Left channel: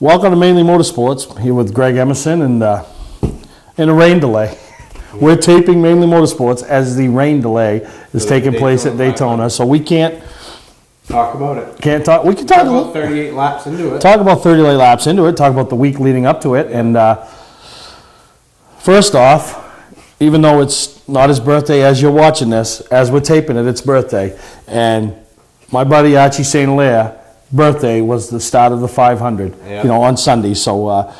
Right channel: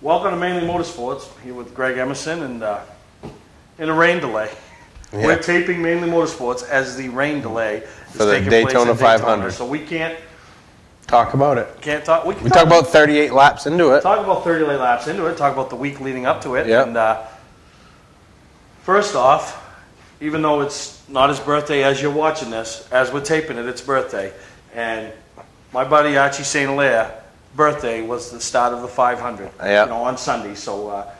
Welcome to Mainely Motorsports, here with Greg Emerson and in a rain delay. Yeah. We're taping Mainely Motorsports as the rain delay is taking place at Daytona, so we can't talk about it. Can't talk. We can talk about 38 laps into it. Talk about 38 laps into it. Talk about the week leading up to it. Yep. And first off, even though it's not his birthday as you're watching this, as we're taping it, it's birthday. And my buddy Archie St. Lair birthday was the start of the 500, yep. On Sunday. So,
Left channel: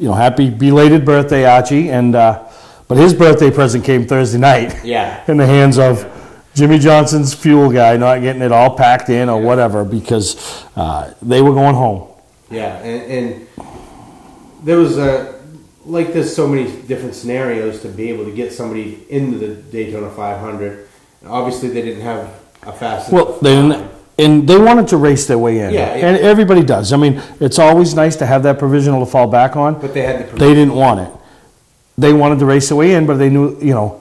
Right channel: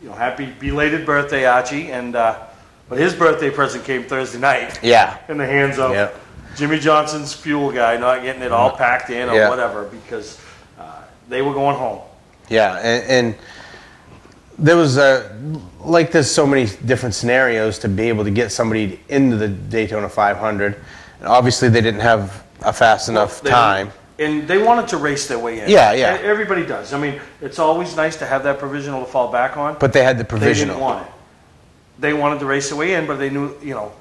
happy belated birthday, Archie. And but his birthday present came Thursday night. Yeah. In the hands of Jimmy Johnson's fuel guy, not getting it all packed in or whatever, because they were going home. Yeah, and there was there's so many different scenarios to be able to get somebody into the Daytona 500. And obviously, they didn't have a fast enough time. And they wanted to race their way in. Yeah. And everybody does. I mean, it's always nice to have that provisional to fall back on. But they had the provisional. They didn't want it. They wanted to race their way in, but they knew,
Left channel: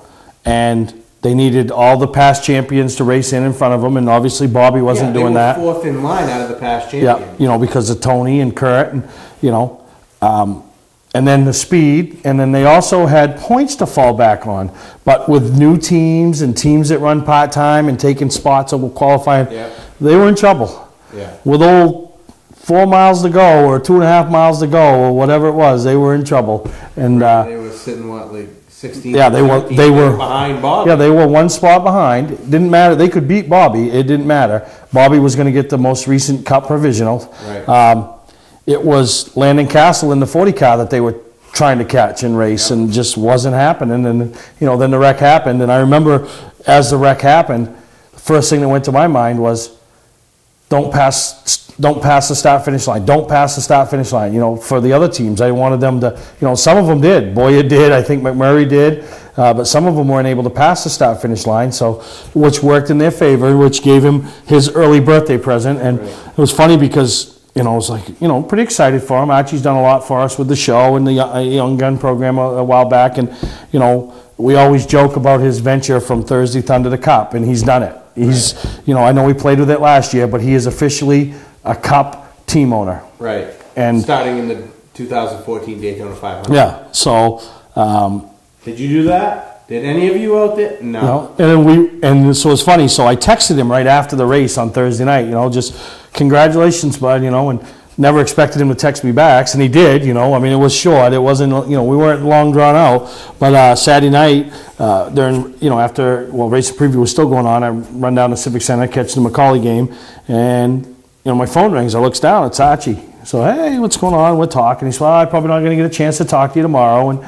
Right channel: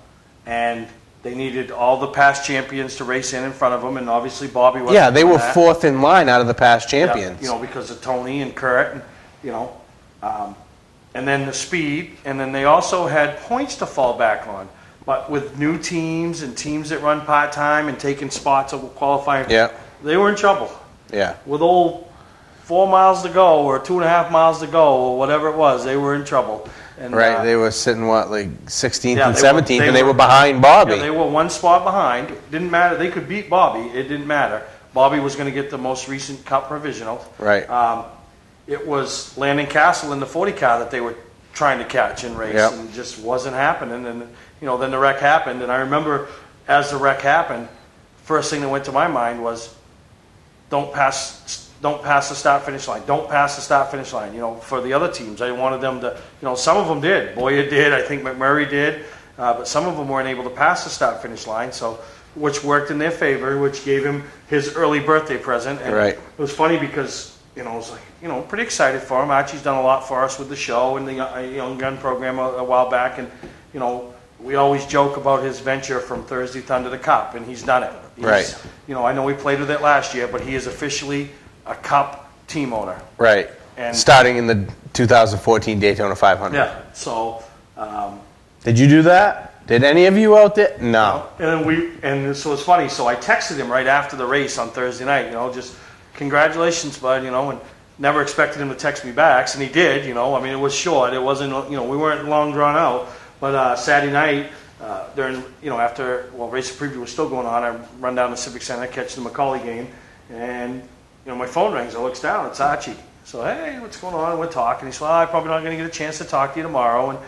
and they needed all the past champions to race in front of them, and obviously Bobby wasn't doing that. Yeah, they were fourth in line out of the past champions. Yeah, because of Tony and Kurt, and and then the speed, and then they also had points to fall back on. But with new teams and teams that run part-time and taking spots over qualifying, they were in trouble. Yeah. With 4 miles to go or 2.5 miles to go or whatever it was, they were in trouble. And they were sitting, 16th and 17th, and they were behind Bobby. Yeah, they were one spot behind. It didn't matter. They could beat Bobby. It didn't matter. Bobby was going to get the most recent Cup provisional. Right. It was Landon Castle in the 40 car that they were trying to catch and race, and just wasn't happening. And then the wreck happened. And I remember as the wreck happened, the first thing that went to my mind was, don't pass the start finish line. Don't pass the start finish line. For the other teams, I wanted them to. Some of them did. Boyer did. I think McMurray did. But some of them weren't able to pass the start finish line, which worked in their favor, which gave him his early birthday present. And it was funny because. I was pretty excited for him. Archie's done a lot for us with the show and the Young Gun program a while back. And, we always joke about his venture from Thursday Thunder to Cup, and he's done it. I know he played with it last year, but he is officially a Cup team owner. Right. And starting in the 2014 Daytona 500. Yeah. So. Did you do that? Did any of you out there? No. And so it's funny. So I texted him right after the race on Thursday night, just congratulations, bud, and never expected him to text me back, and he did, it was short. It wasn't, we weren't long drawn out. But Saturday night, during, after, race preview was still going on, I run down to Civic Center, catch the McCauley game, and, my phone rings. I looks down, it's Archie. So, hey, what's going on? We're talking. He said, well, I'm probably not going to get a chance to talk to you tomorrow, and,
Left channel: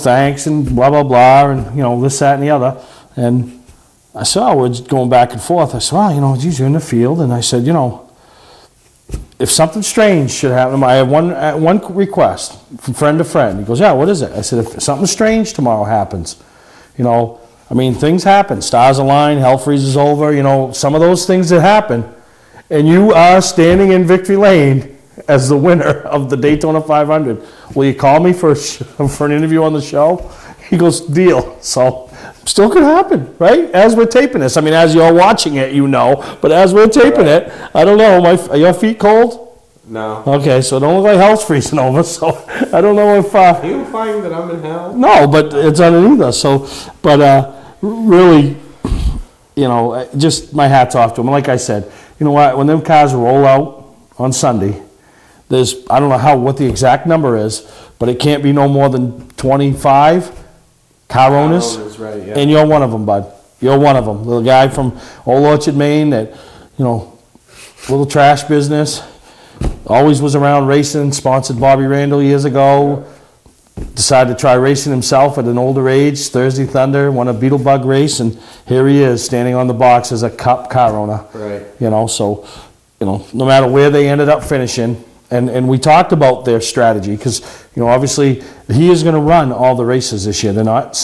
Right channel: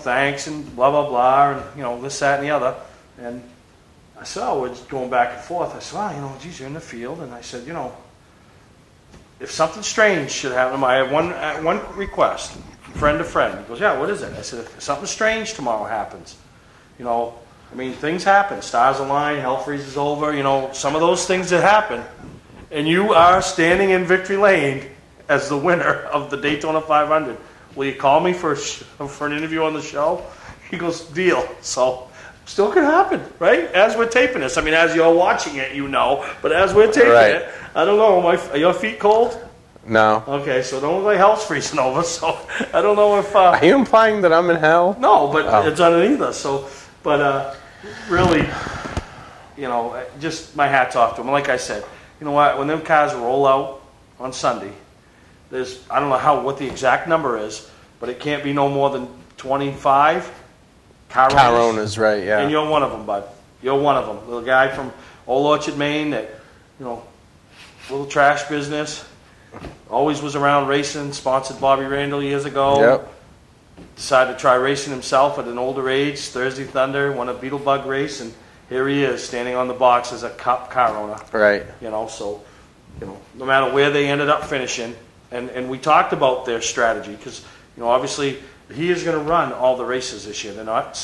thanks, and blah, blah, blah, and, this, that, and the other. And I said, we're going back and forth. I said, geez, you're in the field. And I said, if something strange should happen, I have one request from friend to friend. He goes, yeah, what is it? I said, if something strange tomorrow happens, things happen. Stars align, hell freezes over, some of those things that happen. And you are standing in victory lane as the winner of the Daytona 500. Will you call me for an interview on the show? He goes, deal. So still could happen, right? As we're taping this. As you're watching it, but as we're taping it, I don't know. Are your feet cold? No. Okay, so don't look like hell's freezing over, so I don't know if... Are you implying that I'm in hell? No, but it's underneath us, so... But really, just my hat's off to him. Like I said, you know what? When them cars roll out on Sunday, there's... I don't know what the exact number is, but it can't be no more than 25... car owners, right, yeah. And you're one of them, bud. You're one of them. The guy from Old Orchard, Maine, that, little trash business, always was around racing, sponsored Bobby Randall years ago. Yep. Decided to try racing himself at an older age, Thursday Thunder, won a Beetle Bug race, and here he is standing on the box as a Cup car owner. Right. So, no matter where they ended up finishing, and we talked about their strategy because, obviously he is going to run all the races this year. They're not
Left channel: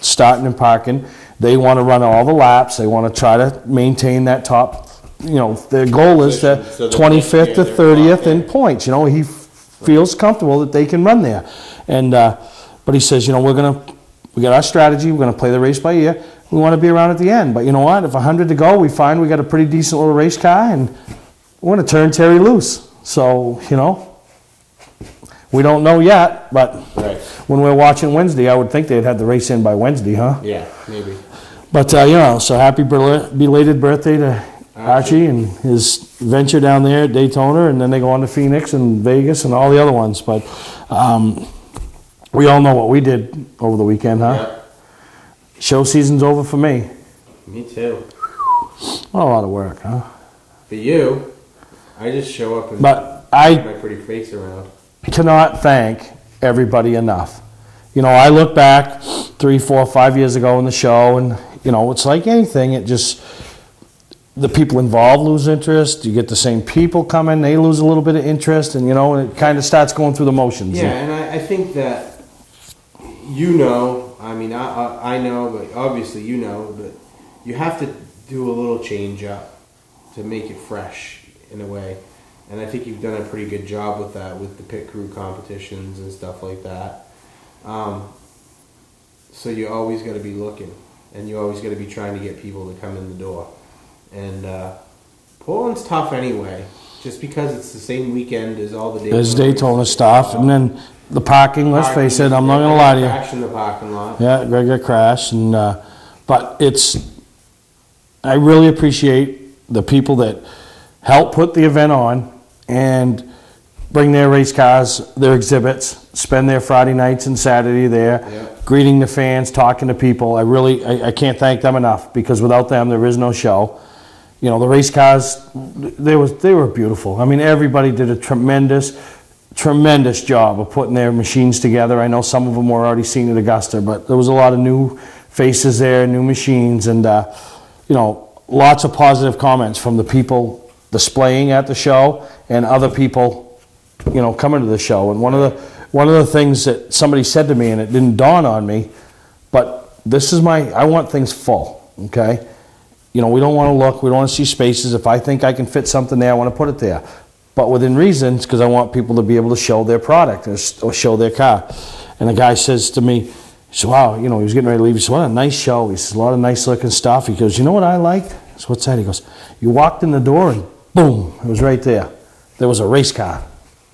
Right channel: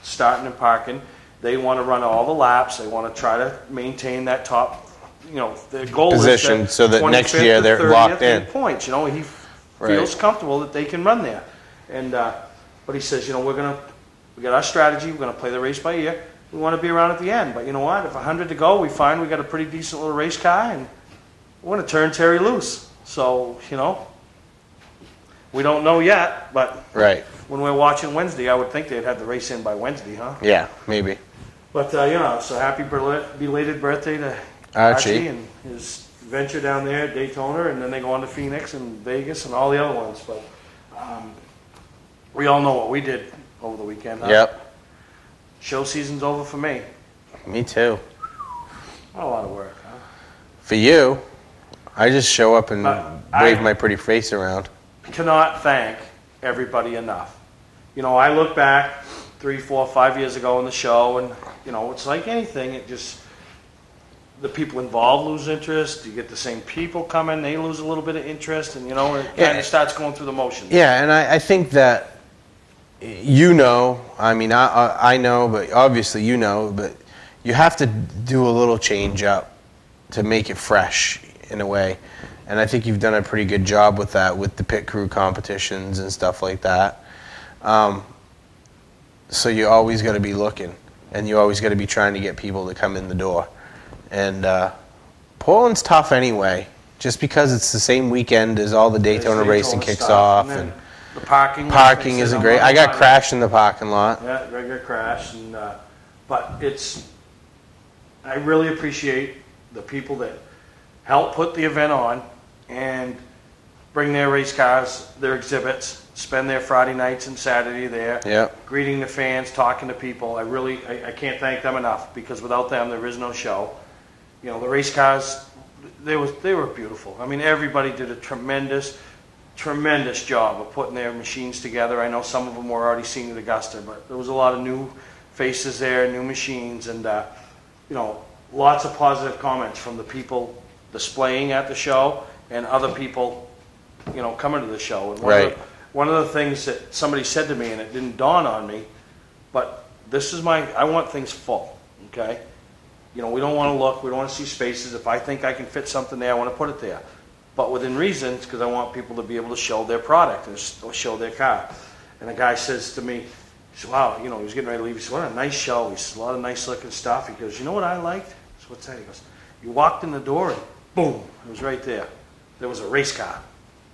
starting and parking. They want to run all the laps. They want to try to maintain that top, their goal position, is 25th to 30th in points. He feels comfortable that they can run there. And but he says, we got our strategy. We're going to play the race by ear. We want to be around at the end. But you know what? If 100 to go, we find we got a pretty decent little race car, and we're going to turn Terry loose. So, We don't know yet, but Right. when we're watching Wednesday, I would think they'd had the race in by Wednesday, huh? Yeah, maybe. But, you know, so happy belated birthday to Archie and his venture down there at Daytona, and then they go on to Phoenix and Vegas and all the other ones. But we all know what we did over the weekend, huh? Yep. Show season's over for me. Me too. Not a lot of work, huh? For you, I just show up and But wave my pretty face around. Cannot thank everybody enough. You know, I look back 3, 4, 5 years ago in the show, and, you know, it's like anything. It just, the people involved lose interest. You get the same people coming, they lose a little bit of interest, and, you know, it kind of starts going through the motions. Yeah, and I think that, you know, I mean, I know, but obviously you know, but you have to do a little change up to make it fresh in a way. And I think you've done a pretty good job with that, with the pit crew competitions and stuff like that. So you always got to be looking, and you always got to be trying to get people to come in the door. And Portland's tough anyway, just because it's the same weekend as all the Daytona racing kicks stuff, off. and then the parking. Let's face it, I'm not I gonna got lie crashed in the parking lot. Yeah, Greg got crashed, and but it's. I really appreciate the people that help put the event on and bring their race cars, their exhibits, spend their Friday nights and Saturday there, Yep. greeting the fans, talking to people. I can't thank them enough, because without them there is no show. You know, the race cars, they were beautiful. I mean, everybody did a tremendous job of putting their machines together. I know some of them were already seen at Augusta, but there was a lot of new faces there, new machines, and you know, lots of positive comments from the people displaying at the show and other people, you know, coming to the show. And one of the things that somebody said to me, and it didn't dawn on me, but this is I want things full, okay? You know, we don't want to look, we don't want to see spaces. If I think I can fit something there, I want to put it there. But within reasons, because I want people to be able to show their product or show their car. And the guy says to me, he said, wow, you know, he was getting ready to leave. He said, what a nice show. He says, a lot of nice looking stuff. He goes, you know what I liked? I said, what's that? He goes, you walked in the door and boom, it was right there. There was a race car.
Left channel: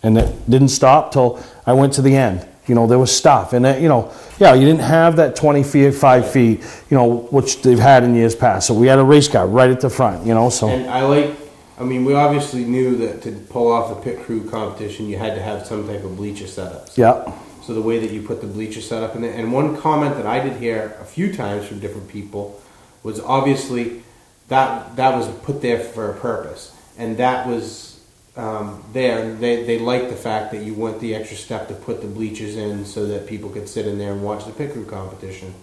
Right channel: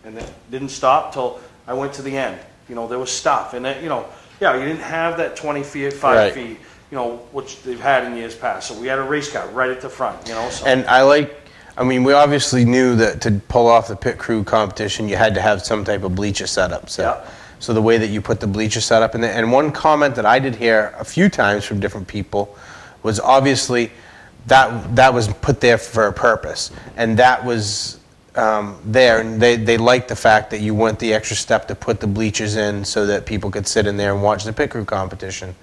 And it didn't stop till I went to the end. You know, there was stuff. And, you know, yeah, you didn't have that 20 feet, 5 feet, you know, which they've had in years past. So we had a race car right at the front, you know. So. And I mean, we obviously knew that to pull off the pit crew competition, you had to have some type of bleacher setup. So the way that you put the bleacher setup in there. And one comment that I did hear a few times from different people was obviously that was put there for a purpose. And that was there. And they liked the fact that you went the extra step to put the bleachers in so that people could sit in there and watch the pit crew competition.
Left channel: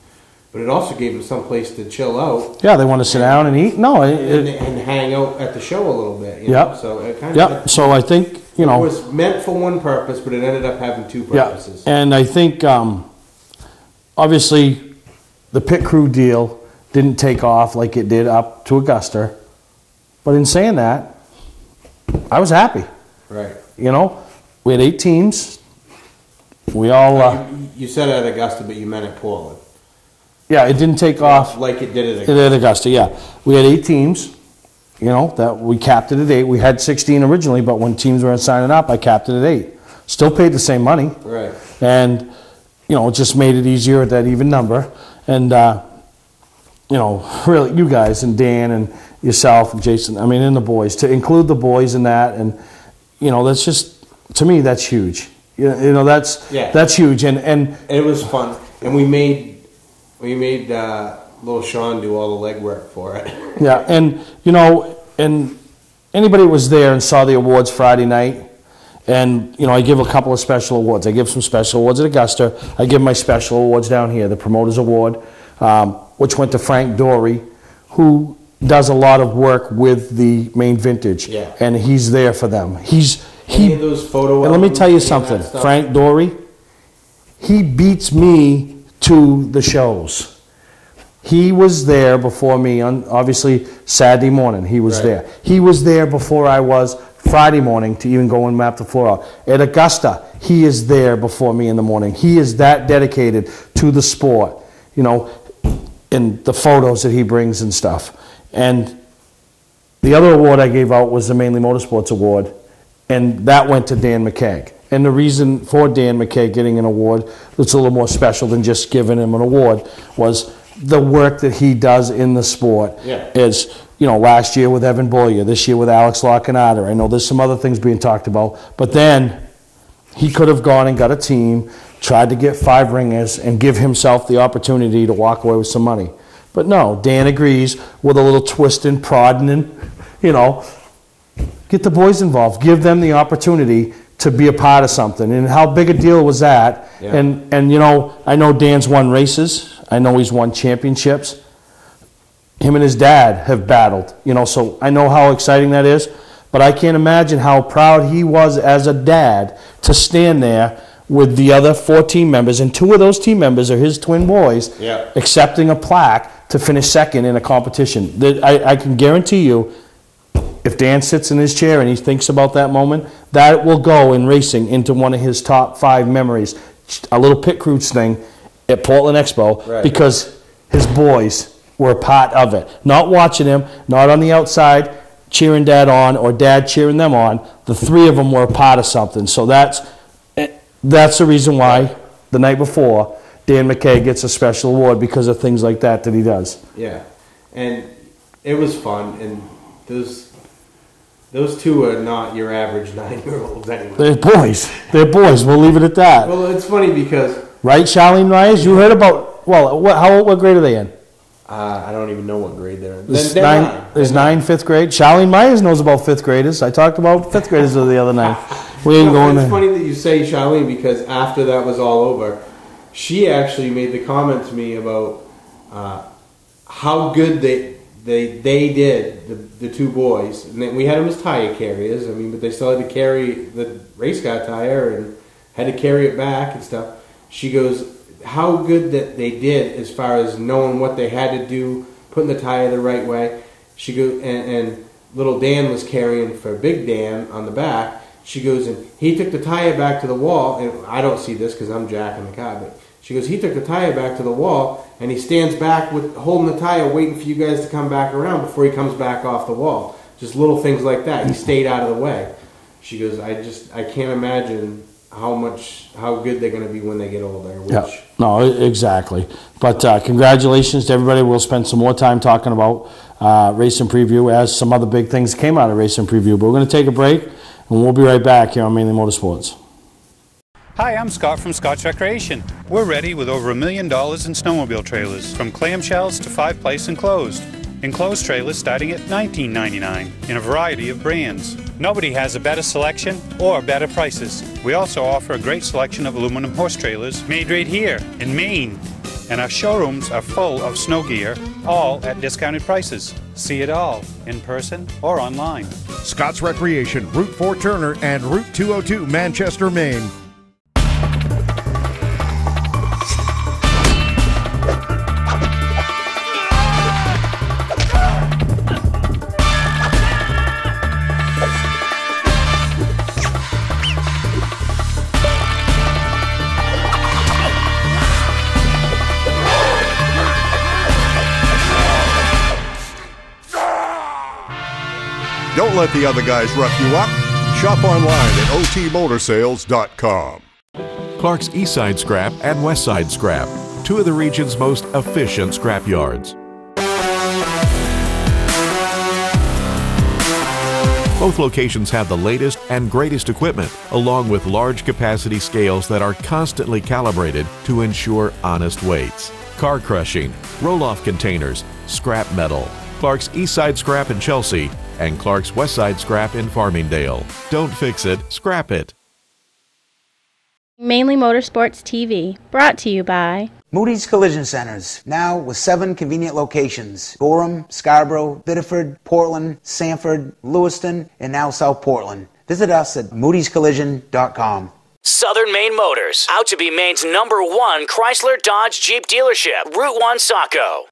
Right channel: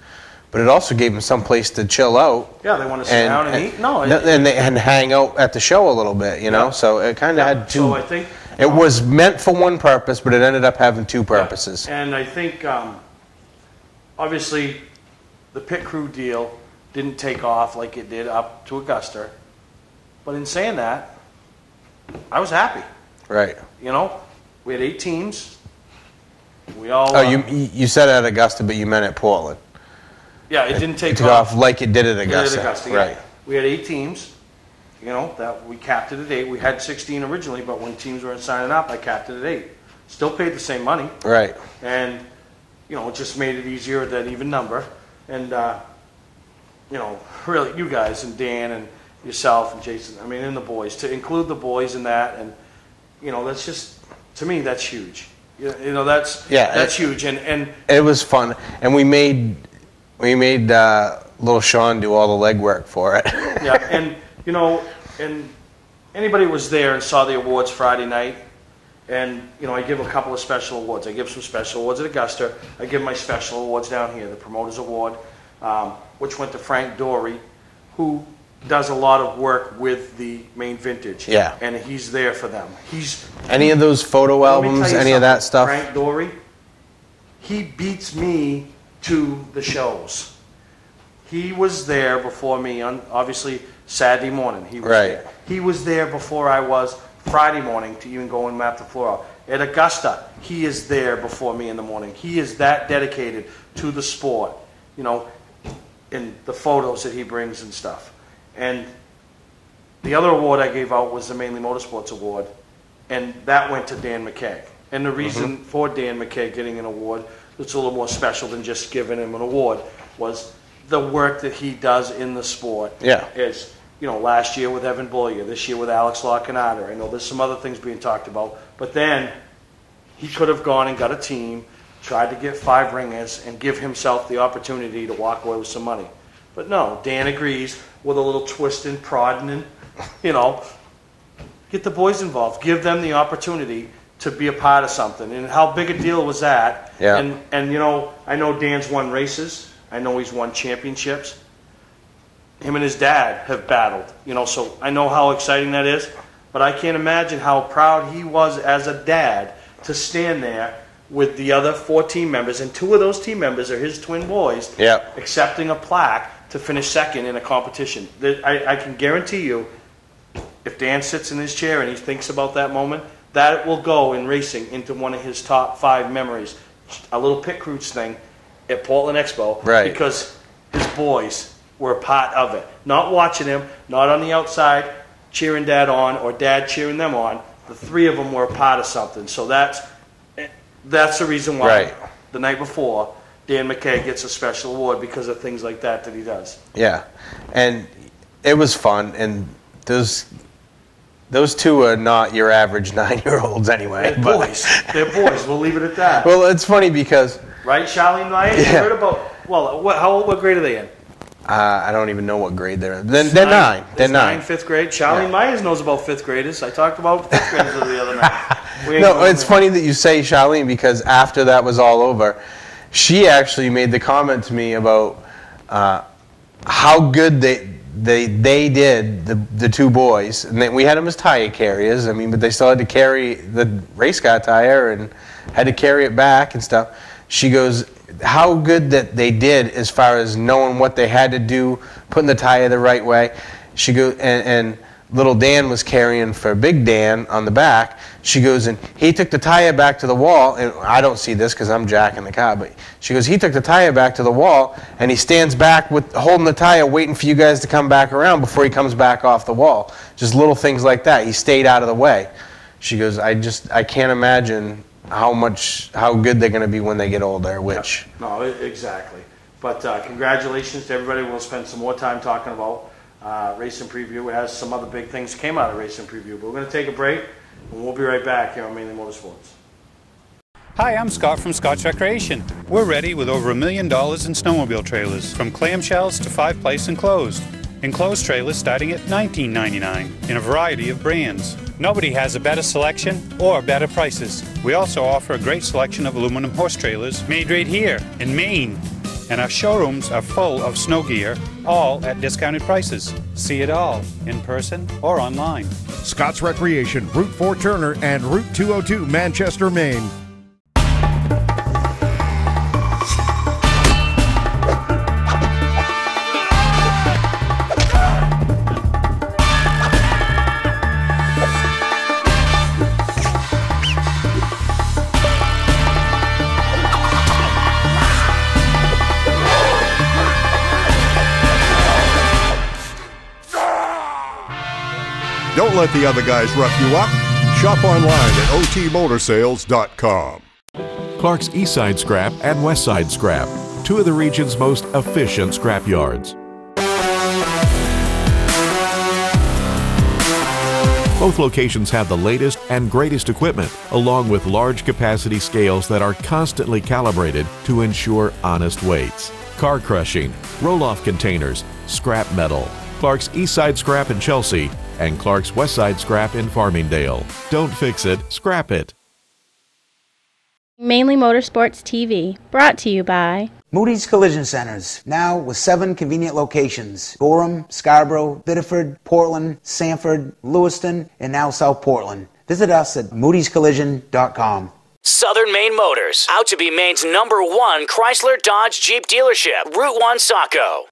But it also gave them some place to chill out. Yeah, they want to sit down and eat. No, and hang out at the show a little bit, you know. So it kind of had. So I think it was meant for one purpose, but it ended up having two purposes. Yeah. And I think obviously the pit crew deal didn't take off like it did up to Augusta. But in saying that, I was happy. Right. You know, we had 8 teams. We all. You said at Augusta, but you meant at Portland. Yeah, it didn't take off like it did at Augusta. Right. We had 8 teams. You know, that we capped it at 8. We had 16 originally, but when teams weren't signing up, I capped it at 8. Still paid the same money. Right. And, you know, it just made it easier at that even number. And, you know, really, you guys and Dan and yourself and Jason, I mean, and the boys, to include the boys in that, and, you know, that's just, to me, that's huge. You know, that's huge. And it was fun. And we made little Sean do all the legwork for it. Yeah, and you know, and anybody was there and saw the awards Friday night, and you know, I give a couple of special awards. I give some special awards at Augusta. I give my special awards down here, the Promoters Award, which went to Frank Dory, who does a lot of work with the Main Vintage. Yeah. And he's there for them. Any of those photo albums, let me tell you any something. Of that stuff? Frank Dory, he beats me to the shows. He was there before me on, obviously, Saturday morning. He was there. He was there before I was Friday morning to even go and map the floor out. At Augusta, he is there before me in the morning. He is that dedicated to the sport, you know, and the photos that he brings and stuff. And the other award I gave out was the Mainely Motorsports Award, and that went to Dan McKeag. And the reason for Dan McKay getting an award that's a little more special than just giving him an award was the work that he does in the sport. Yeah. Is, you know, last year with Evan Boyer, this year with Alex Lockenauder. I know there's some other things being talked about, but then he could have gone and got a team, tried to get 5 ringers, and give himself the opportunity to walk away with some money. But no, Dan agrees with a little twisting, prodding, and, you know, get the boys involved. Give them the opportunity to be a part of something. And how big a deal was that? Yeah. And you know, I know Dan's won races. I know he's won championships. Him and his dad have battled, you know, so I know how exciting that is. But I can't imagine how proud he was as a dad to stand there with the other 4 team members, and 2 of those team members are his twin boys, accepting a plaque to finish second in a competition. I can guarantee you, if Dan sits in his chair and he thinks about that moment, that will go in racing into one of his top 5 memories. A little pit crew thing at Portland Expo, because his boys were a part of it. Not watching him, not on the outside, cheering Dad on or Dad cheering them on. The 3 of them were a part of something. So that's the reason why the night before Dan McKay gets a special award, because of things like that he does. Yeah, and it was fun, and those 2 are not your average 9-year-olds anyway. They're boys. They're boys. We'll leave it at that. Well, it's funny because... Right, Charlene Myers? You heard about... Well, what grade are they in? I don't even know what grade they're in. They're 9. There's 9, 5th grade. Charlene Myers knows about 5th graders. I talked about 5th graders the other night. It's funny that you say Charlene, because after that was all over, she actually made the comment to me about how good they did, the 2 boys. And we had them as tire carriers, I mean, but they still had to carry the race car tire and had to carry it back and stuff. She goes, how good that they did as far as knowing what they had to do, putting the tire the right way. She goes, and little Dan was carrying for Big Dan on the back. She goes, and he took the tire back to the wall, and I don't see this because I'm jacking the car, but she goes, he took the tire back to the wall, and he stands back with holding the tire, waiting for you guys to come back around before he comes back off the wall. Just little things like that. He stayed out of the way. She goes, I can't imagine how good they're going to be when they get older. Which no, exactly. But congratulations to everybody. We'll spend some more time talking about Racing Preview as some other big things came out of Racing Preview. But we're going to take a break, and we'll be right back here on Mainely Motorsports. Hi, I'm Scott from Scott's Recreation. We're ready with over $1 million in snowmobile trailers, from clamshells to 5-place enclosed. Enclosed trailers starting at $19.99 in a variety of brands. Nobody has a better selection or better prices. We also offer a great selection of aluminum horse trailers made right here in Maine. And our showrooms are full of snow gear, all at discounted prices. See it all in person or online. Scott's Recreation, Route 4 Turner and Route 202 Manchester, Maine. Don't let the other guys rough you up. Shop online at otmotorsales.com. Clark's Eastside Scrap and Westside Scrap, 2 of the region's most efficient scrap yards. Both locations have the latest and greatest equipment, along with large capacity scales that are constantly calibrated to ensure honest weights. Car crushing, roll-off containers, scrap metal. Clark's Eastside Scrap in Chelsea and Clark's Westside Scrap in Farmingdale. Don't fix it, scrap it. Mainly Motorsports TV, brought to you by Moody's Collision Centers, now with 7 convenient locations: Gorham, Scarborough, Biddeford, Portland, Sanford, Lewiston, and now South Portland. Visit us at moodyscollision.com. Southern Maine Motors, out to be Maine's #1 Chrysler Dodge Jeep dealership, Route 1 Saco.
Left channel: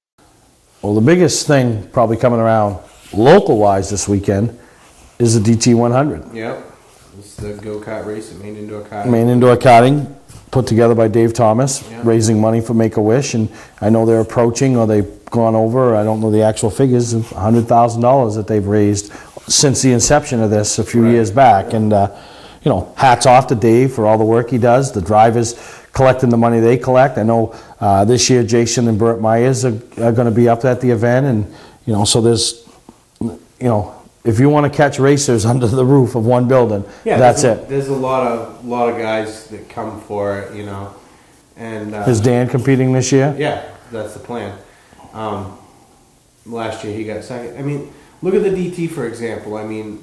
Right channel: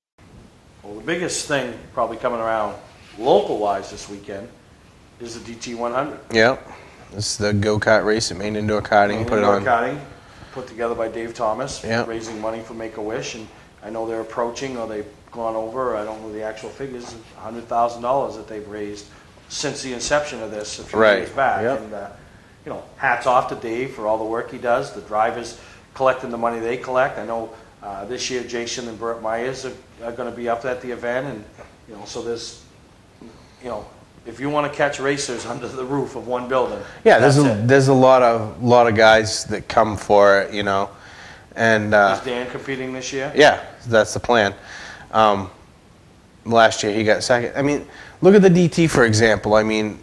Well, the biggest thing probably coming around local-wise this weekend is the DT 100. Yep. It's the go-kart race at Maine Indoor Karting. Maine Indoor Karting, put together by Dave Thomas, Yep. raising money for Make-A-Wish, and I know they're approaching, or they've gone over, I don't know the actual figures, of $100,000 that they've raised since the inception of this a few Right. years back. Yep. And, hats off to Dave for all the work he does. The drivers collecting the money they collect. I know this year Jason and Burt Myers are going to be up at the event, and so there's, if you want to catch racers under the roof of one building, that's it. There's a lot of guys that come for it, and is Dan competing this year? Yeah, that's the plan. Last year he got second. I mean, look at the DT for example. I mean,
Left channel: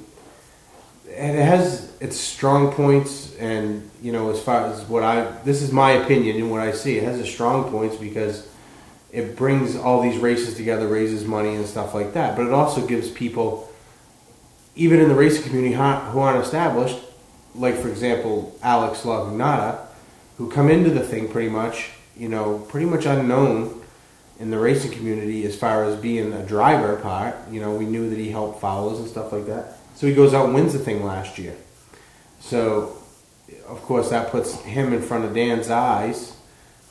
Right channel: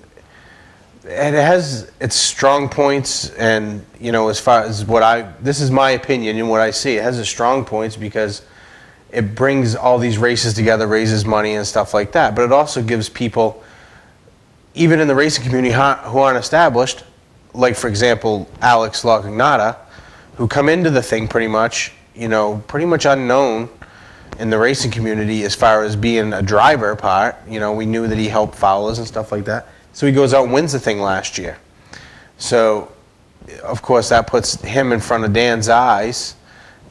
it has its strong points, and as far as this is my opinion and what I see, it has its strong points because it brings all these races together, raises money and stuff like that. But it also gives people, even in the racing community who aren't established, like for example Alex Lacagnata, who come into the thing pretty much unknown in the racing community as far as being a driver part. We knew that he helped Fowlers and stuff like that. So he goes out and wins the thing last year. So, of course, that puts him in front of Dan's eyes,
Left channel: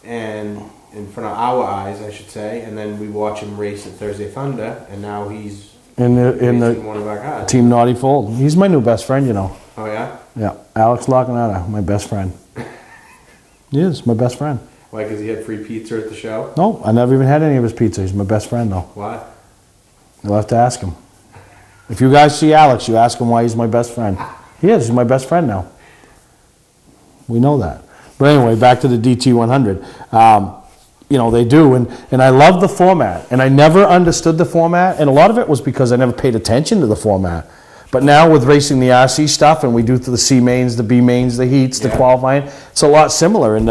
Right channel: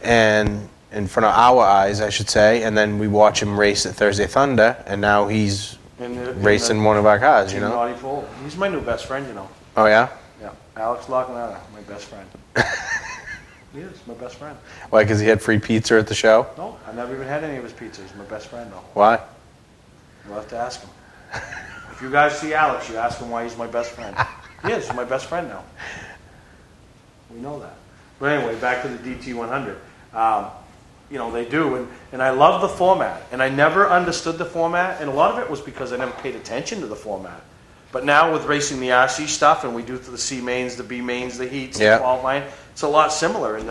and in front of our eyes, I should say. And then we watch him race at Thursday Thunder, and now he's racing one of our cars. Team Naughty Fold. He's my new best friend, Oh, yeah? Yeah, Alex Lacagnata, my best friend. He is my best friend. Why, because he had free pizza at the show? No, I never even had any of his pizza. He's my best friend, though. Why? You'll have to ask him. If you guys see Alex, you ask him why he's my best friend. He is. He's my best friend now. We know that. But anyway, back to the DT100. They do, and I love the format. And I never understood the format, and a lot of it was because I never paid attention to the format. But now with racing the RC stuff, and we do the C mains, the B mains, the heats, the qualifying, it's a lot similar. And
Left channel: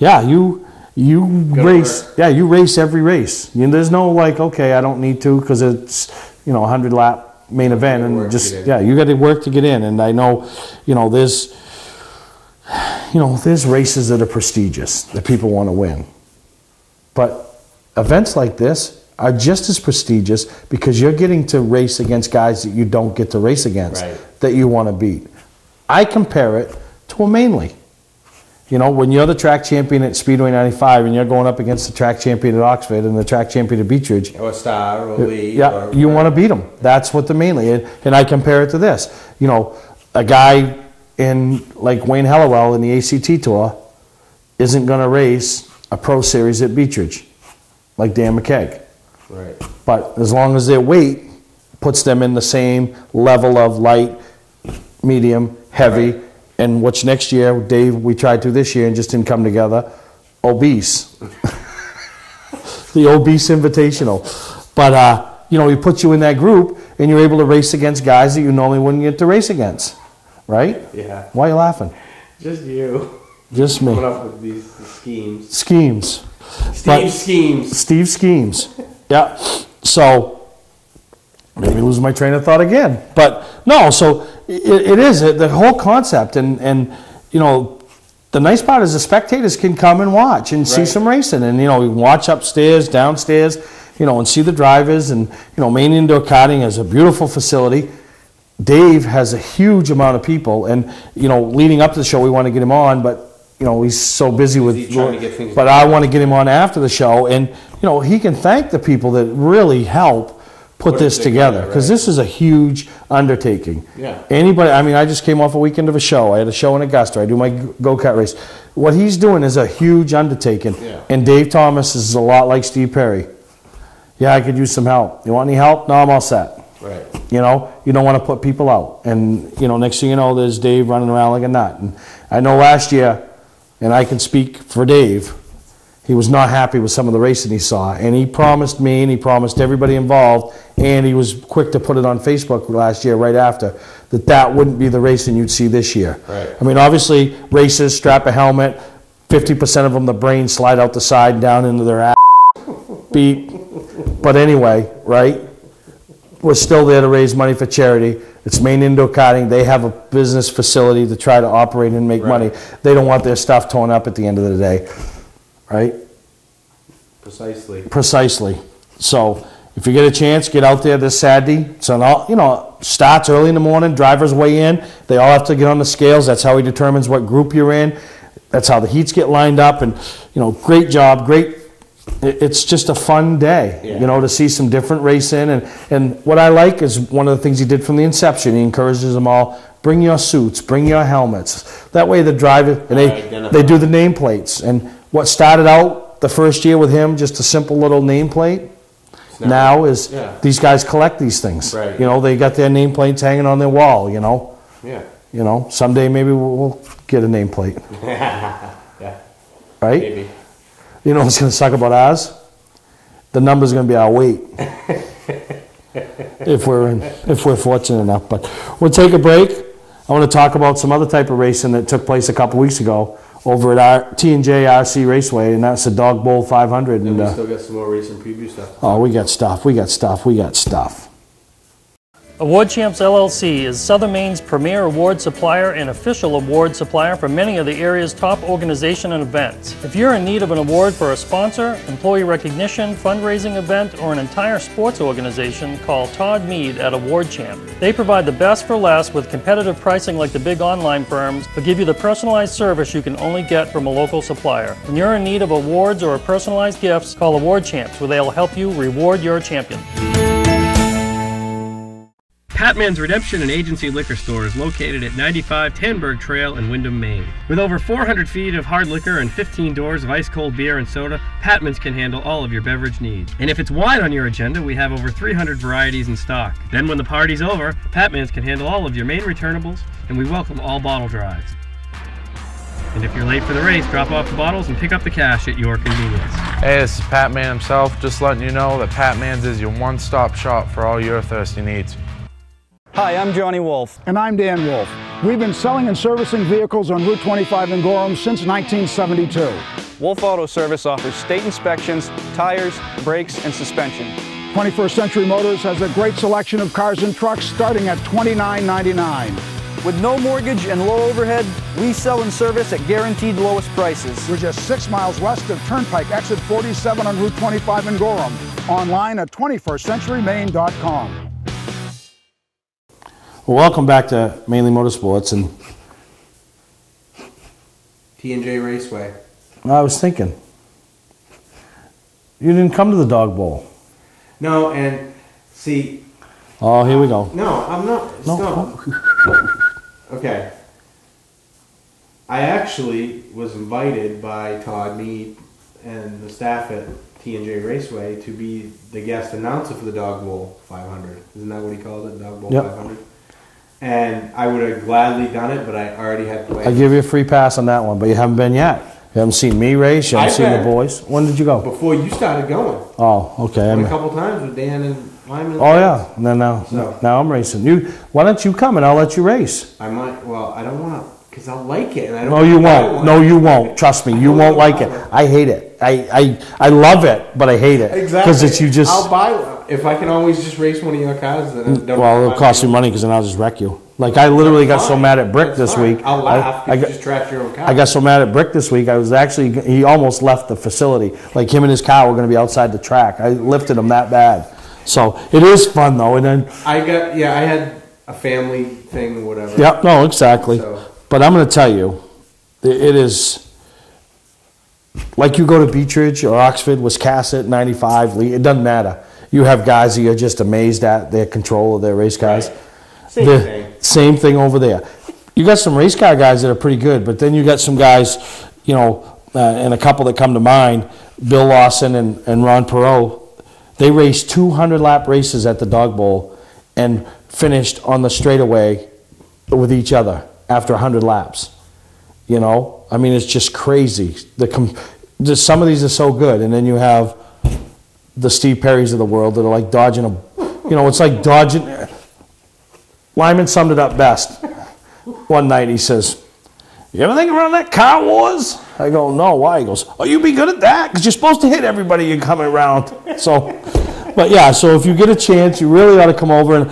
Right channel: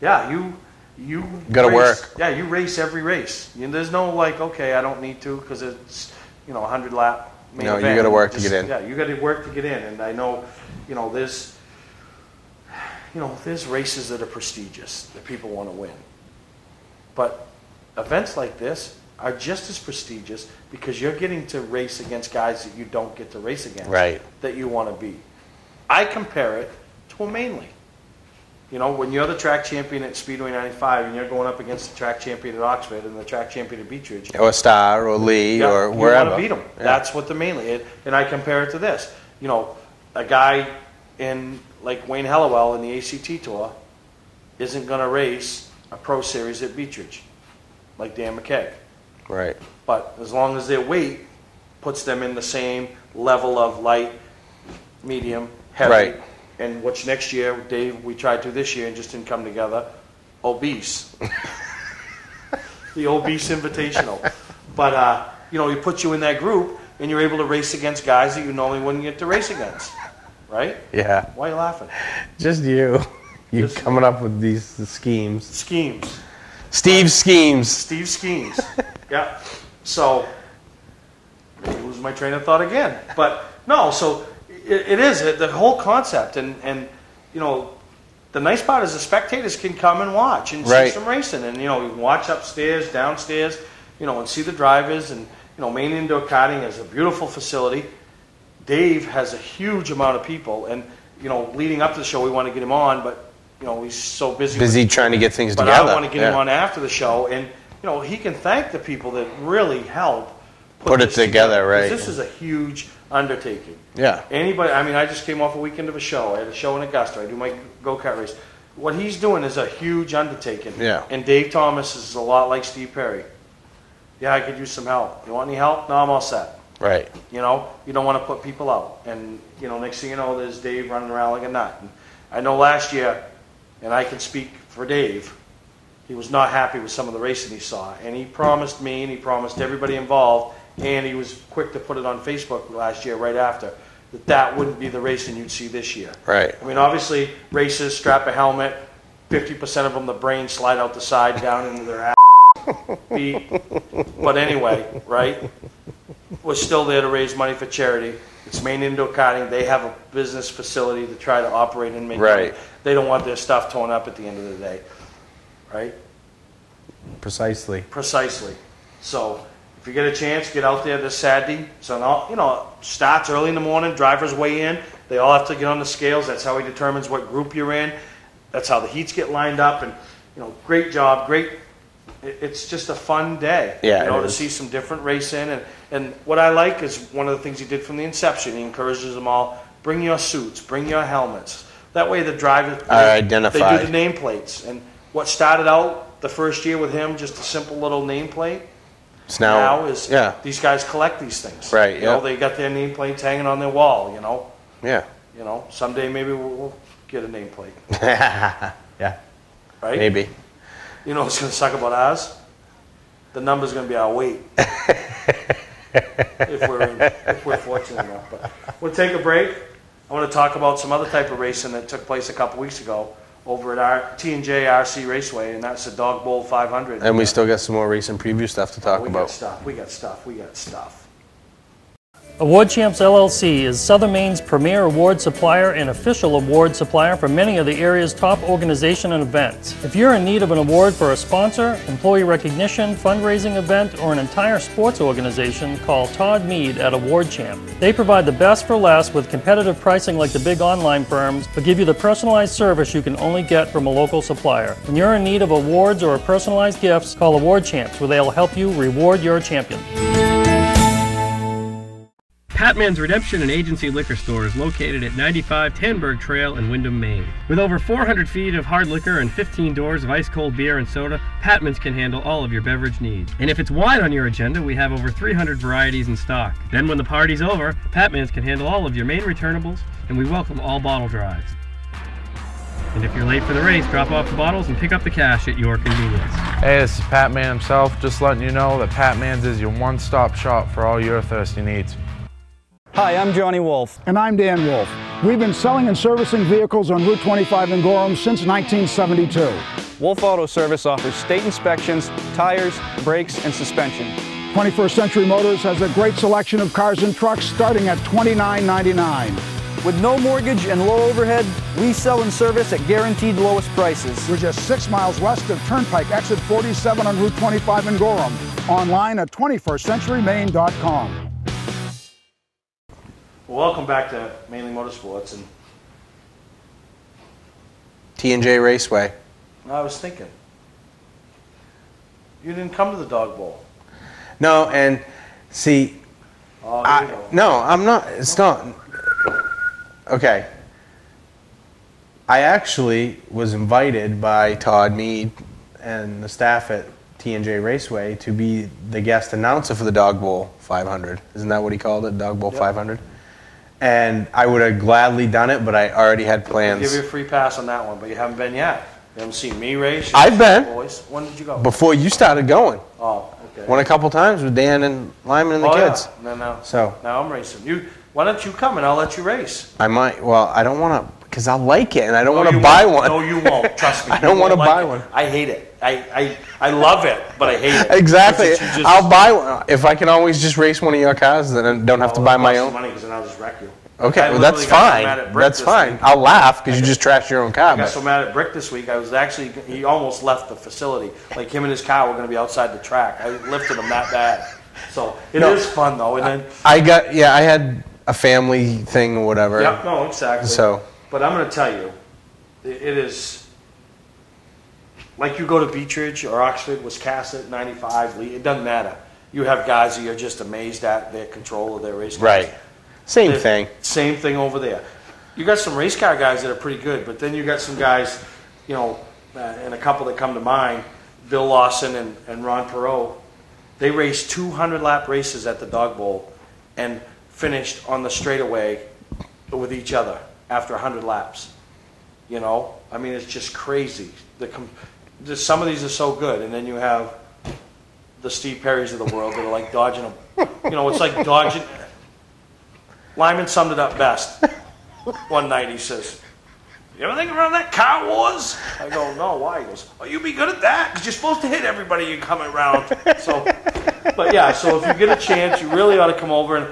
you race. Work. Yeah, you race every race. There's no okay, I don't need to because it's 100 lap main event. You got to work to get in. Yeah, you got to work to get in. And I know, there's races that are prestigious that people want to win. But events like this are just as prestigious because you're getting to race against guys that you don't get to race against, that you want to beat. I compare it to a Mainely. When you're the track champion at Speedway 95 and you're going up against the track champion at Oxford and the track champion at Beechridge. Or Star or Lee or wherever. You want to beat them. Yeah. That's what the Mainely is. And I compare it to this. A guy in like Wayne Hellowell in the ACT Tour isn't going to race a Pro Series at Beechridge like Dan McKeag. Right. But as long as their weight puts them in the same level of light, medium, heavy, and which next year, Dave, we tried to this year and just didn't come together, obese. The obese invitational. But, he puts you in that group and you're able to race against guys that you normally wouldn't get to race against. Right? Yeah. Why are you laughing? Just you. Just coming up with these schemes. Schemes. Steve schemes. Yeah. So, let me lose my train of thought again. But, no, so it is the whole concept. And the nice part is the spectators can come and watch and see some racing. And, we can watch upstairs, downstairs, and see the drivers. And, Main Indoor Karting is a beautiful facility. Dave has a huge amount of people. And, leading up to the show, we want to get him on, but he's so busy with trying to get things but together. I want to get him on after the show, and he can thank the people that really help put this together because this is a huge undertaking. Yeah. Anybody? I mean, I just came off a weekend of a show. I had a show in Augusta. I do my go-kart race. What he's doing is a huge undertaking. Yeah. And Dave Thomas is a lot like Steve Perry. Yeah, I could use some help. You want any help? No, I'm all set. Right. You don't want to put people out. And next thing you know, there's Dave running around like a nut. And I know last year. And I can speak for Dave, he was not happy with some of the racing he saw. And he promised me and he promised everybody involved, and he was quick to put it on Facebook last year right after, that wouldn't be the racing you'd see this year. Right. I mean, obviously, races, strap a helmet, 50% of them, the brains slide out the side down into their ass, beat. But anyway, right? We're still there to raise money for charity. It's Main Indoor Karting. They have a business facility to try to operate and make money. They don't want their stuff torn up at the end of the day, right? Precisely. So if you get a chance, get out there this Saturday. So starts early in the morning. Drivers weigh in. They all have to get on the scales. That's how he determines what group you're in. That's how the heats get lined up. And great job, great. It's just a fun day, to see some different racing. And what I like is one of the things he did from the inception. He encourages them all, bring your suits, bring your helmets. That way the driver, they do the nameplates. And what started out the first year with him, just a simple little nameplate, now is these guys collect these things. Right. You know, they got their nameplates hanging on their wall, you know. Yeah. You know, someday maybe we'll get a nameplate. Yeah. Right? Maybe. You know what's going to suck about ours? The number's going to be our weight. if we're fortunate enough. But we'll take a break. I want to talk about some other type of racing that took place a couple weeks ago over at our T&J RC Raceway, and that's the Dog Bowl 500. And we still got some more racing preview stuff to talk about. Oh, we got stuff. Award Champs LLC is Southern Maine's premier award supplier and official award supplier for many of the area's top organizations and events. If you're in need of an award for a sponsor, employee recognition, fundraising event, or an entire sports organization, call Todd Mead at Award Champ. They provide the best for less with competitive pricing like the big online firms, but give you the personalized service you can only get from a local supplier. When you're in need of awards or personalized gifts, call Award Champs, where they'll help you reward your champion. Patman's Redemption and Agency Liquor Store is located at 95 Tanberg Trail in Windham, Maine. With over 400 feet of hard liquor and 15 doors of ice-cold beer and soda, Patman's can handle all of your beverage needs. And if it's wine on your agenda, we have over 300 varieties in stock. Then when the party's over, Patman's can handle all of your main returnables, and we welcome all bottle drives. And if you're late for the race, drop off the bottles and pick up the cash at your convenience. Hey, this is Pat Man himself, just letting you know that Pat Man's is your one-stop shop for all your thirsty needs. Hi, I'm Johnny Wolf. And I'm Dan Wolf. We've been selling and servicing vehicles on Route 25 in Gorham since 1972. Wolf Auto Service offers state inspections, tires, brakes, and suspension. 21st Century Motors has a great selection of cars and trucks starting at $29.99. With no mortgage and low overhead, we sell and service at guaranteed lowest prices. We're just 6 miles west of Turnpike, exit 47 on Route 25 in Gorham. Online at 21stcenturymaine.com. Well, welcome back to Mainely Motorsports. And T&J Raceway. I was thinking, you didn't come to the Dog Bowl. No, and see. Oh, here we go. No, I'm not. It's not. Okay. I actually was invited by Todd Mead and the staff at T&J Raceway to be the guest announcer for the Dog Bowl 500. Isn't that what he called it, Dog Bowl 500? And I would have gladly done it, but I already had plans. I'll give you a free pass on that one, but you haven't been yet. You haven't seen me race, you haven't seen the boys. When did you go? Before you started going. Oh, okay. Won a couple times with Dan and Lyman and the kids. Oh, yeah. Now I'm racing. Why don't you come and I'll let you race? I might. Well, I don't want to, because I'll like it, and I don't want to buy one. No, you won't. Trust me. You won't like it. I hate it. I love it, but I hate it. Exactly. I'll buy one. If I can always just race one of your cars, then I don't have to buy my own. Well, it'll cost you money because then I'll just wreck you. Like, I literally got so mad at Brick this week. I'll laugh because you just trashed your own car. I got so mad at Brick this week, he almost left the facility. Like, him and his car were going to be outside the track. I lifted him that bad. So, it is fun, though. And then I had a family thing or whatever. Yeah, no, exactly. So, but I'm going to tell you, it is, like you go to Beechridge or Oxford, Wiscasset, 95, Lee, it doesn't matter. You have guys that you're just amazed at their control of their race cars. Right. Same thing. Same thing over there. You got some race car guys that are pretty good, but then you got some guys, and a couple that come to mind, Bill Lawson and Ron Perot. They raced 200-lap races at the Dog Bowl and finished on the straightaway with each other after 100 laps. I mean, it's just crazy. Some of these are so good, and then you have the Steve Perrys of the world that are like dodging it's like dodging. Lyman summed it up best. One night he says, "You ever think around that car wars?" I go, "No, why?" He goes, "Oh, you'd be good at that because you're supposed to hit everybody you're coming around." So if you get a chance, you really ought to come over. And,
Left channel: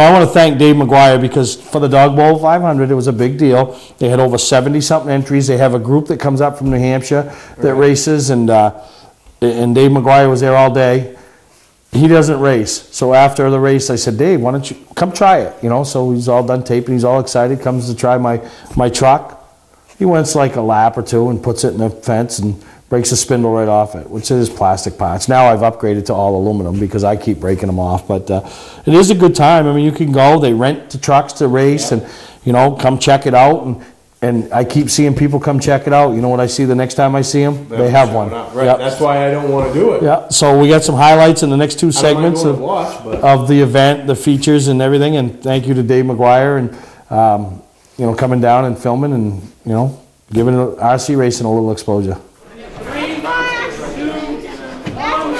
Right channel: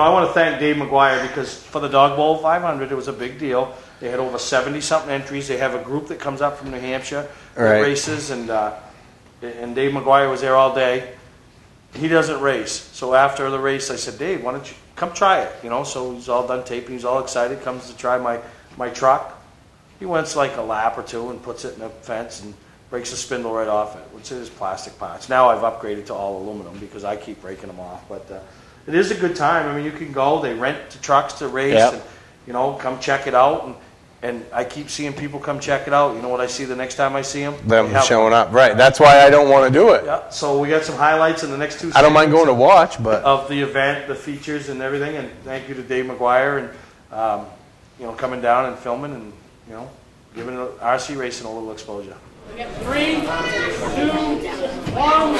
I want to thank Dave McGuire because for the Dog Bowl 500, it was a big deal. They had over 70-something entries. They have a group that comes up from New Hampshire that races, and Dave McGuire was there all day. He doesn't race. So after the race, I said, "Dave, why don't you come try it?" So he's all done taping. He's all excited. Comes to try my truck. He wants like a lap or two and puts it in the fence and breaks the spindle right off it, which is plastic parts. Now I've upgraded to all aluminum because I keep breaking them off. But it is a good time. I mean, you can go. They rent the trucks to race. And you know, come check it out. And I keep seeing people come check it out. You know what I see the next time I see them? They're They have showing one. up. Right. Yep. That's why I don't want to do it. Yeah. So we got some highlights in the next 2 I segments. don't mind going to watch, but of the event, the features and everything. And thank you to Dave McGuire and you know, coming down and filming and, you know, giving RC racing a little exposure. 3, 2, 1.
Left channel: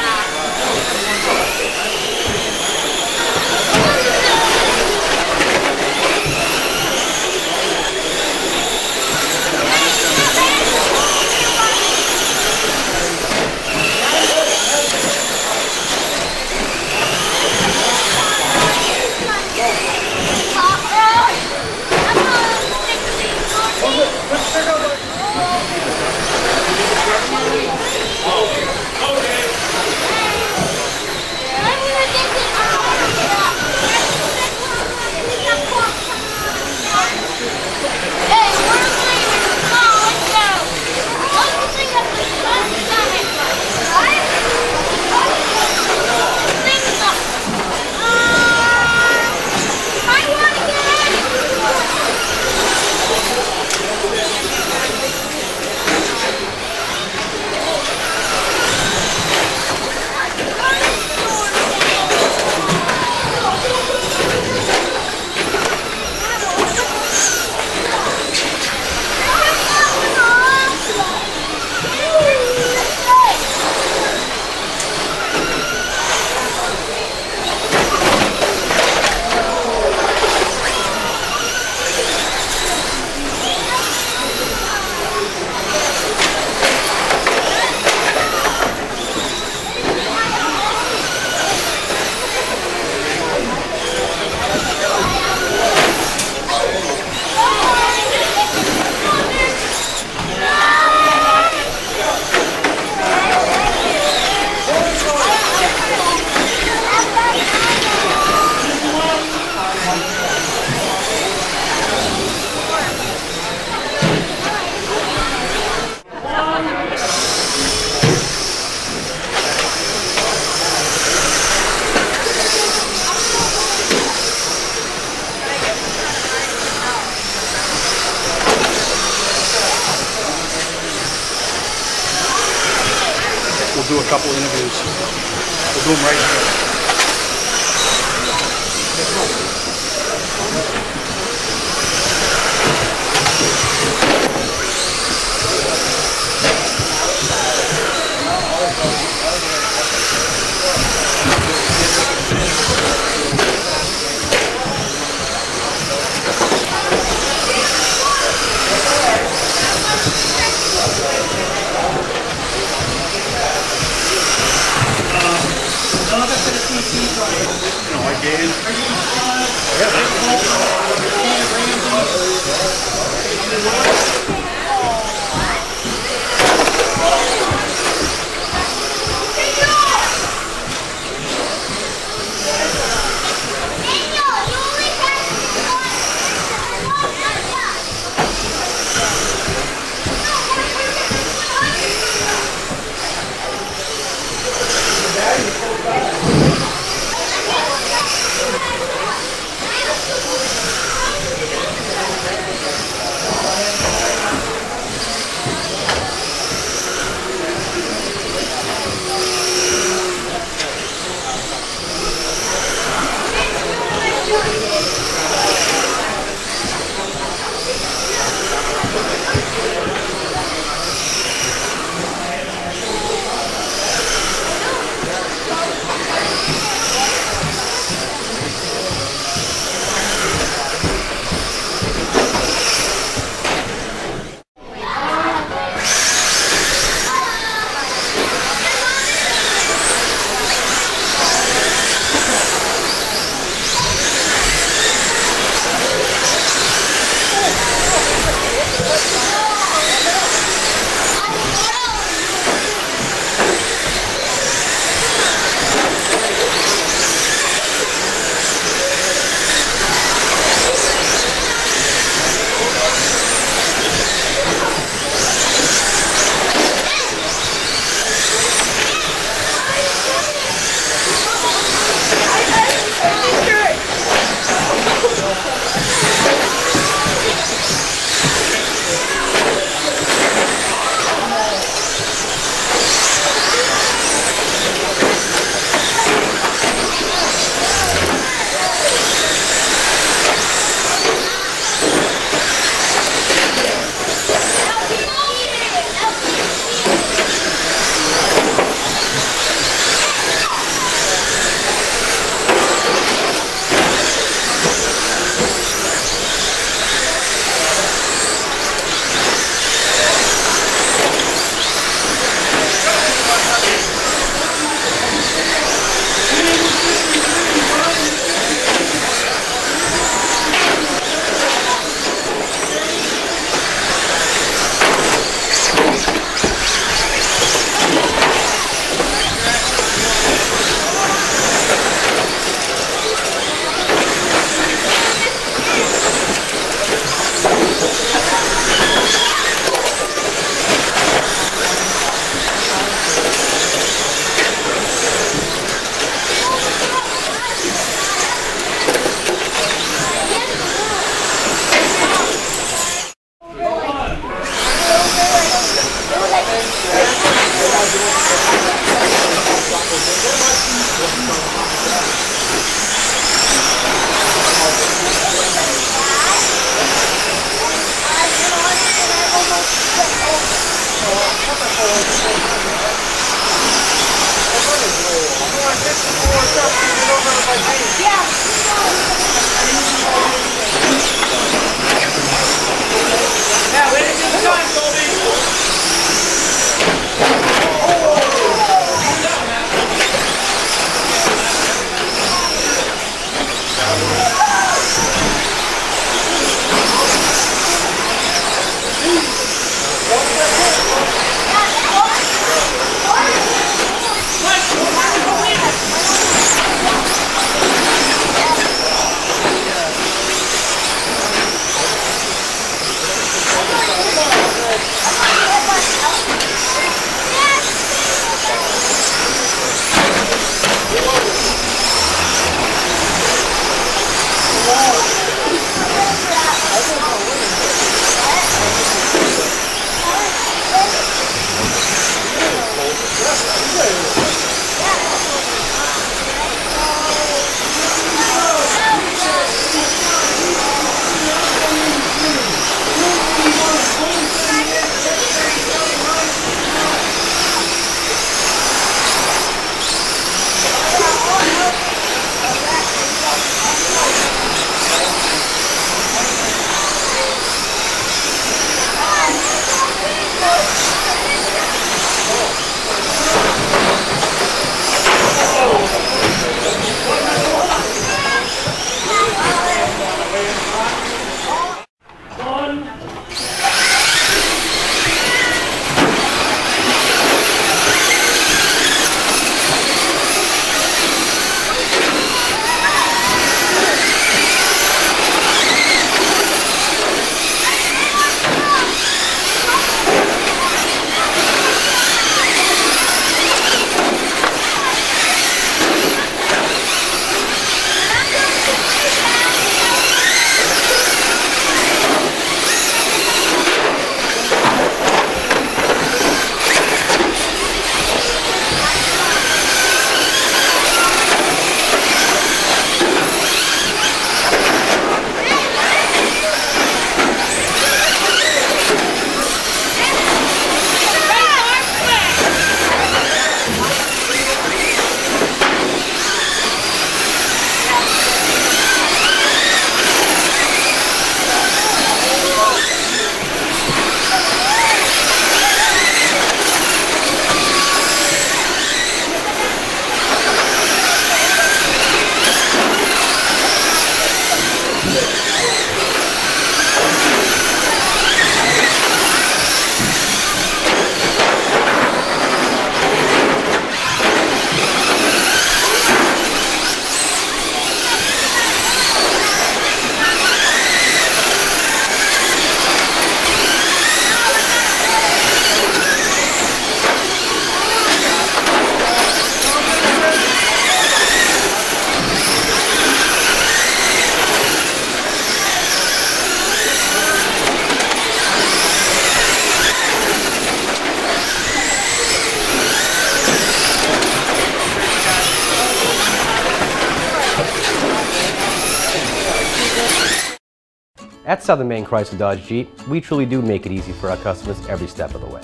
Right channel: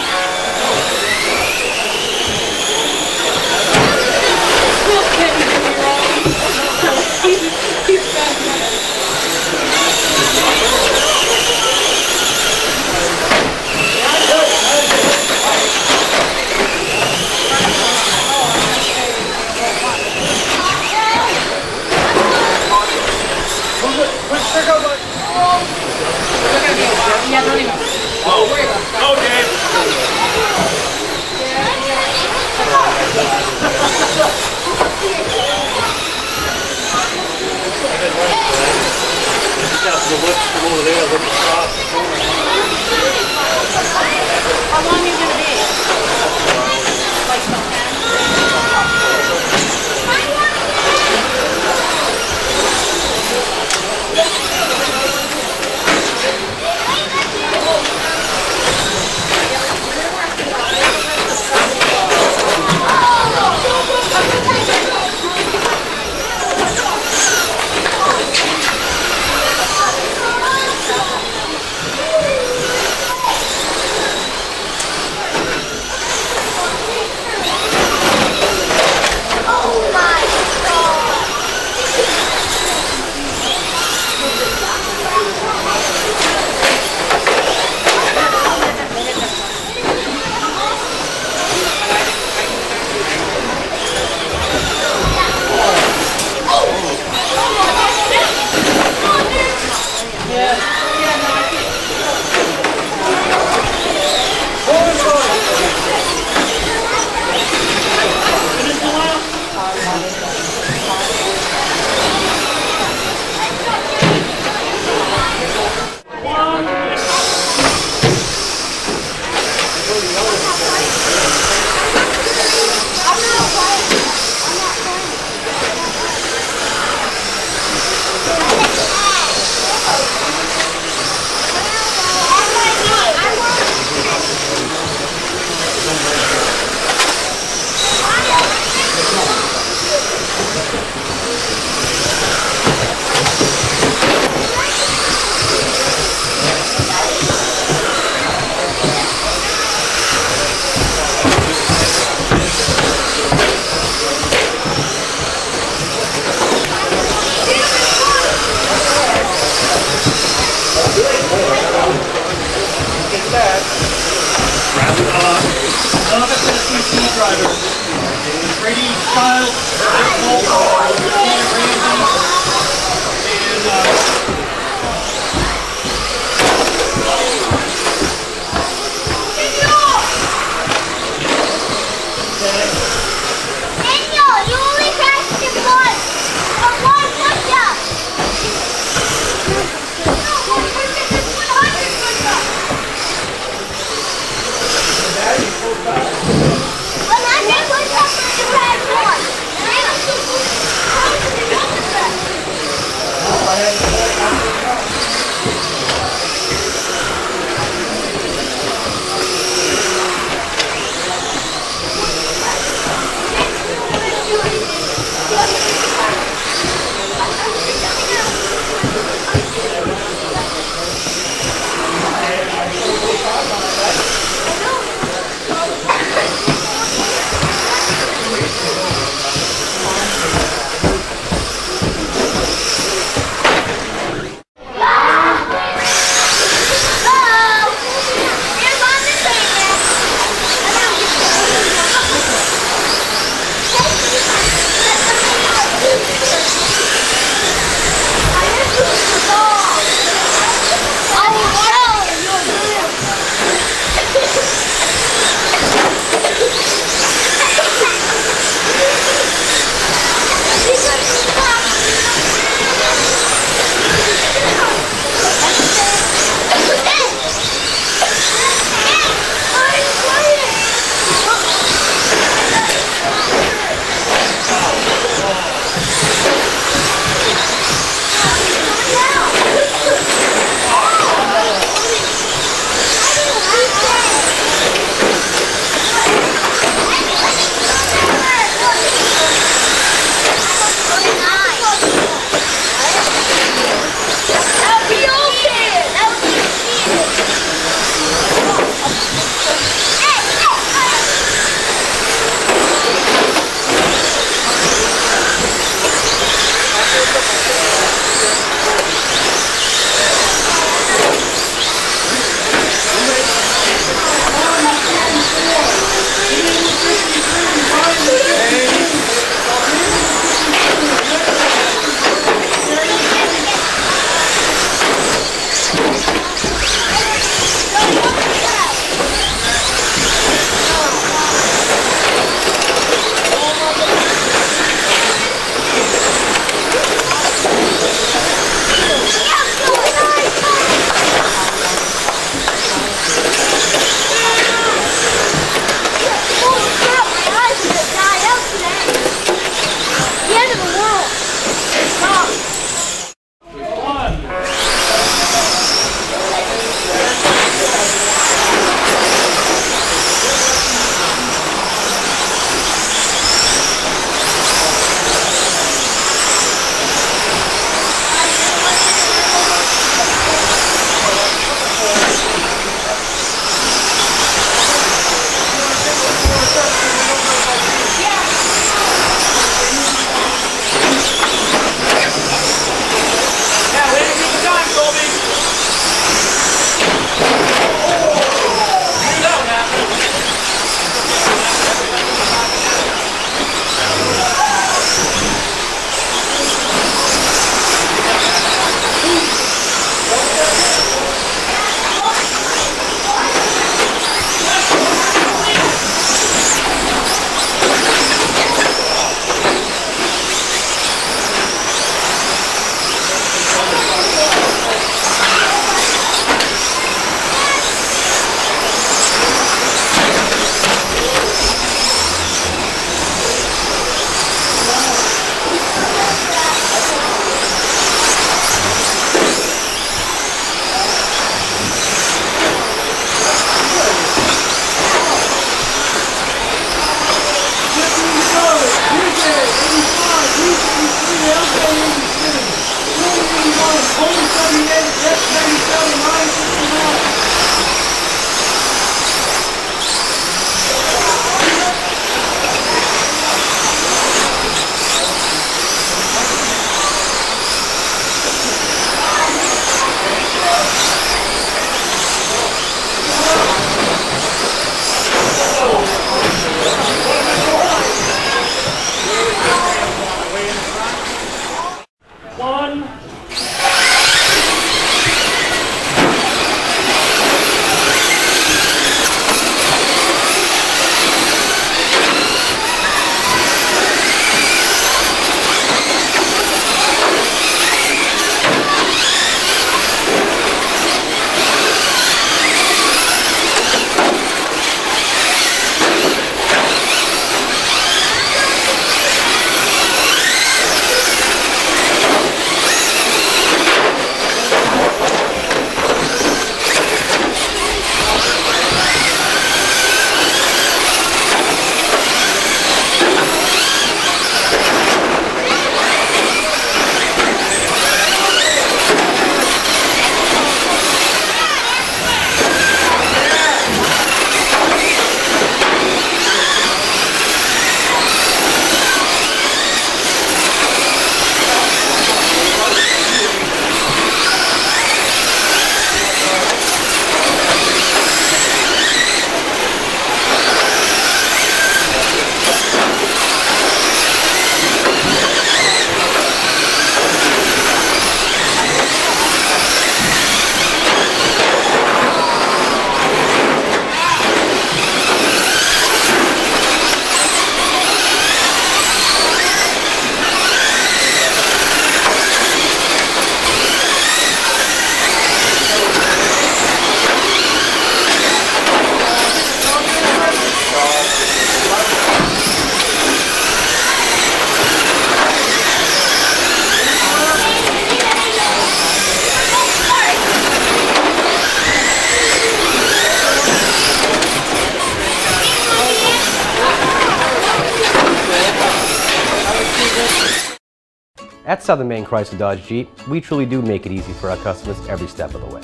At Southern Maine Chrysler Dodge Jeep, we truly do make it easy for our customers every step of the way.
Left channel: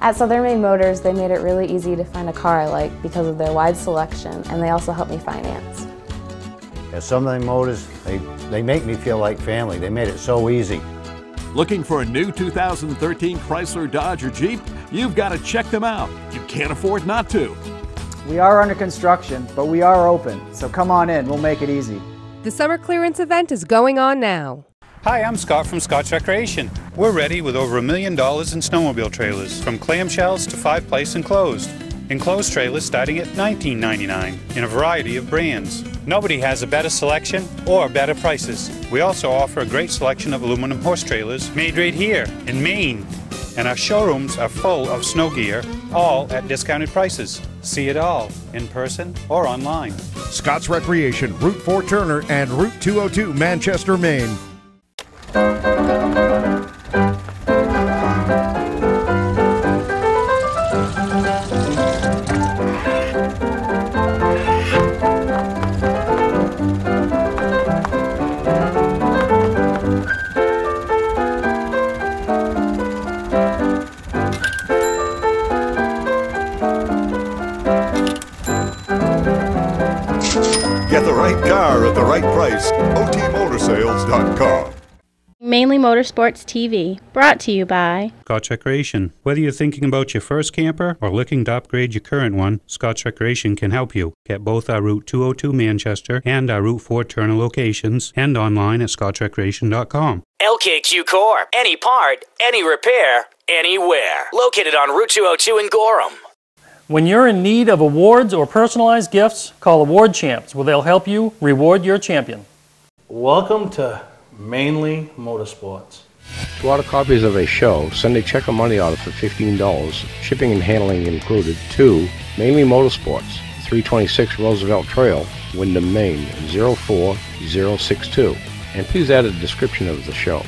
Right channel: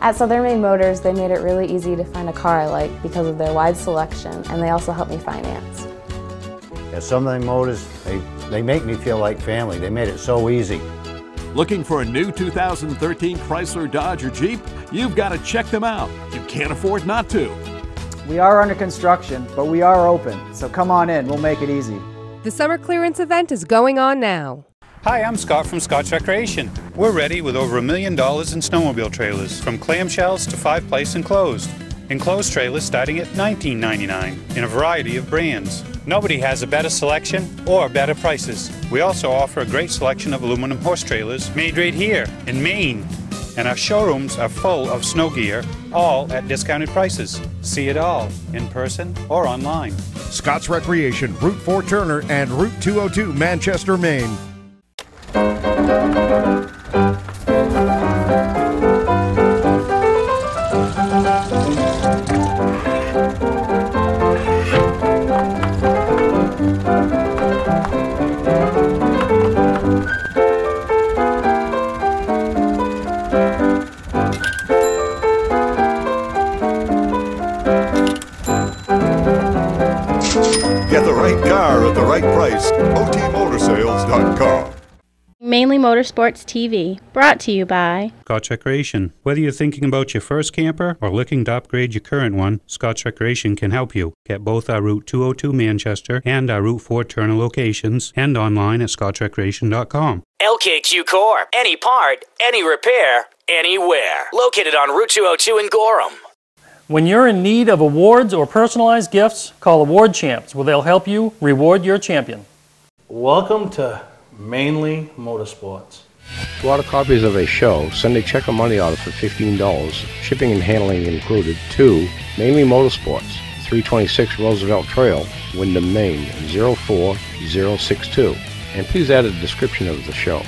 At Southern Maine Motors, they made it really easy to find a car I like because of their wide selection, and they also help me finance. At Southern Maine Motors, they make me feel like family. They made it so easy. Looking for a new 2013 Chrysler, Dodge, or Jeep? You've got to check them out. You can't afford not to. We are under construction, but we are open, so come on in, we'll make it easy. The summer clearance event is going on now. Hi, I'm Scott from Scott's Recreation. We're ready with over $1 million in snowmobile trailers, from clamshells to 5-place enclosed. Enclosed trailers starting at $19.99 in a variety of brands. Nobody has a better selection or better prices. We also offer a great selection of aluminum horse trailers made right here in Maine. And our showrooms are full of snow gear, all at discounted prices. See it all in person or online. Scott's Recreation, Route 4 Turner and Route 202 Manchester, Maine. Get the right car at the right price. OTMotorsales.com. Mainely Motorsports TV, brought to you by Scott's Recreation. Whether you're thinking about your first camper or looking to upgrade your current one, Scott's Recreation can help you. Get both our Route 202 Manchester and our Route 4 Turner locations and online at scottsrecreation.com. LKQ Core. Any part, any repair, anywhere. Located on Route 202 in Gorham. When you're in need of awards or personalized gifts, call Award Champs, where they'll help you reward your champion. Welcome to Mainely Motorsports. To order copies of a show, send a check or money order for $15, shipping and handling included, to Mainely Motorsports, 326 Roosevelt Trail, Windham, Maine, 04062. And please add a description of the show.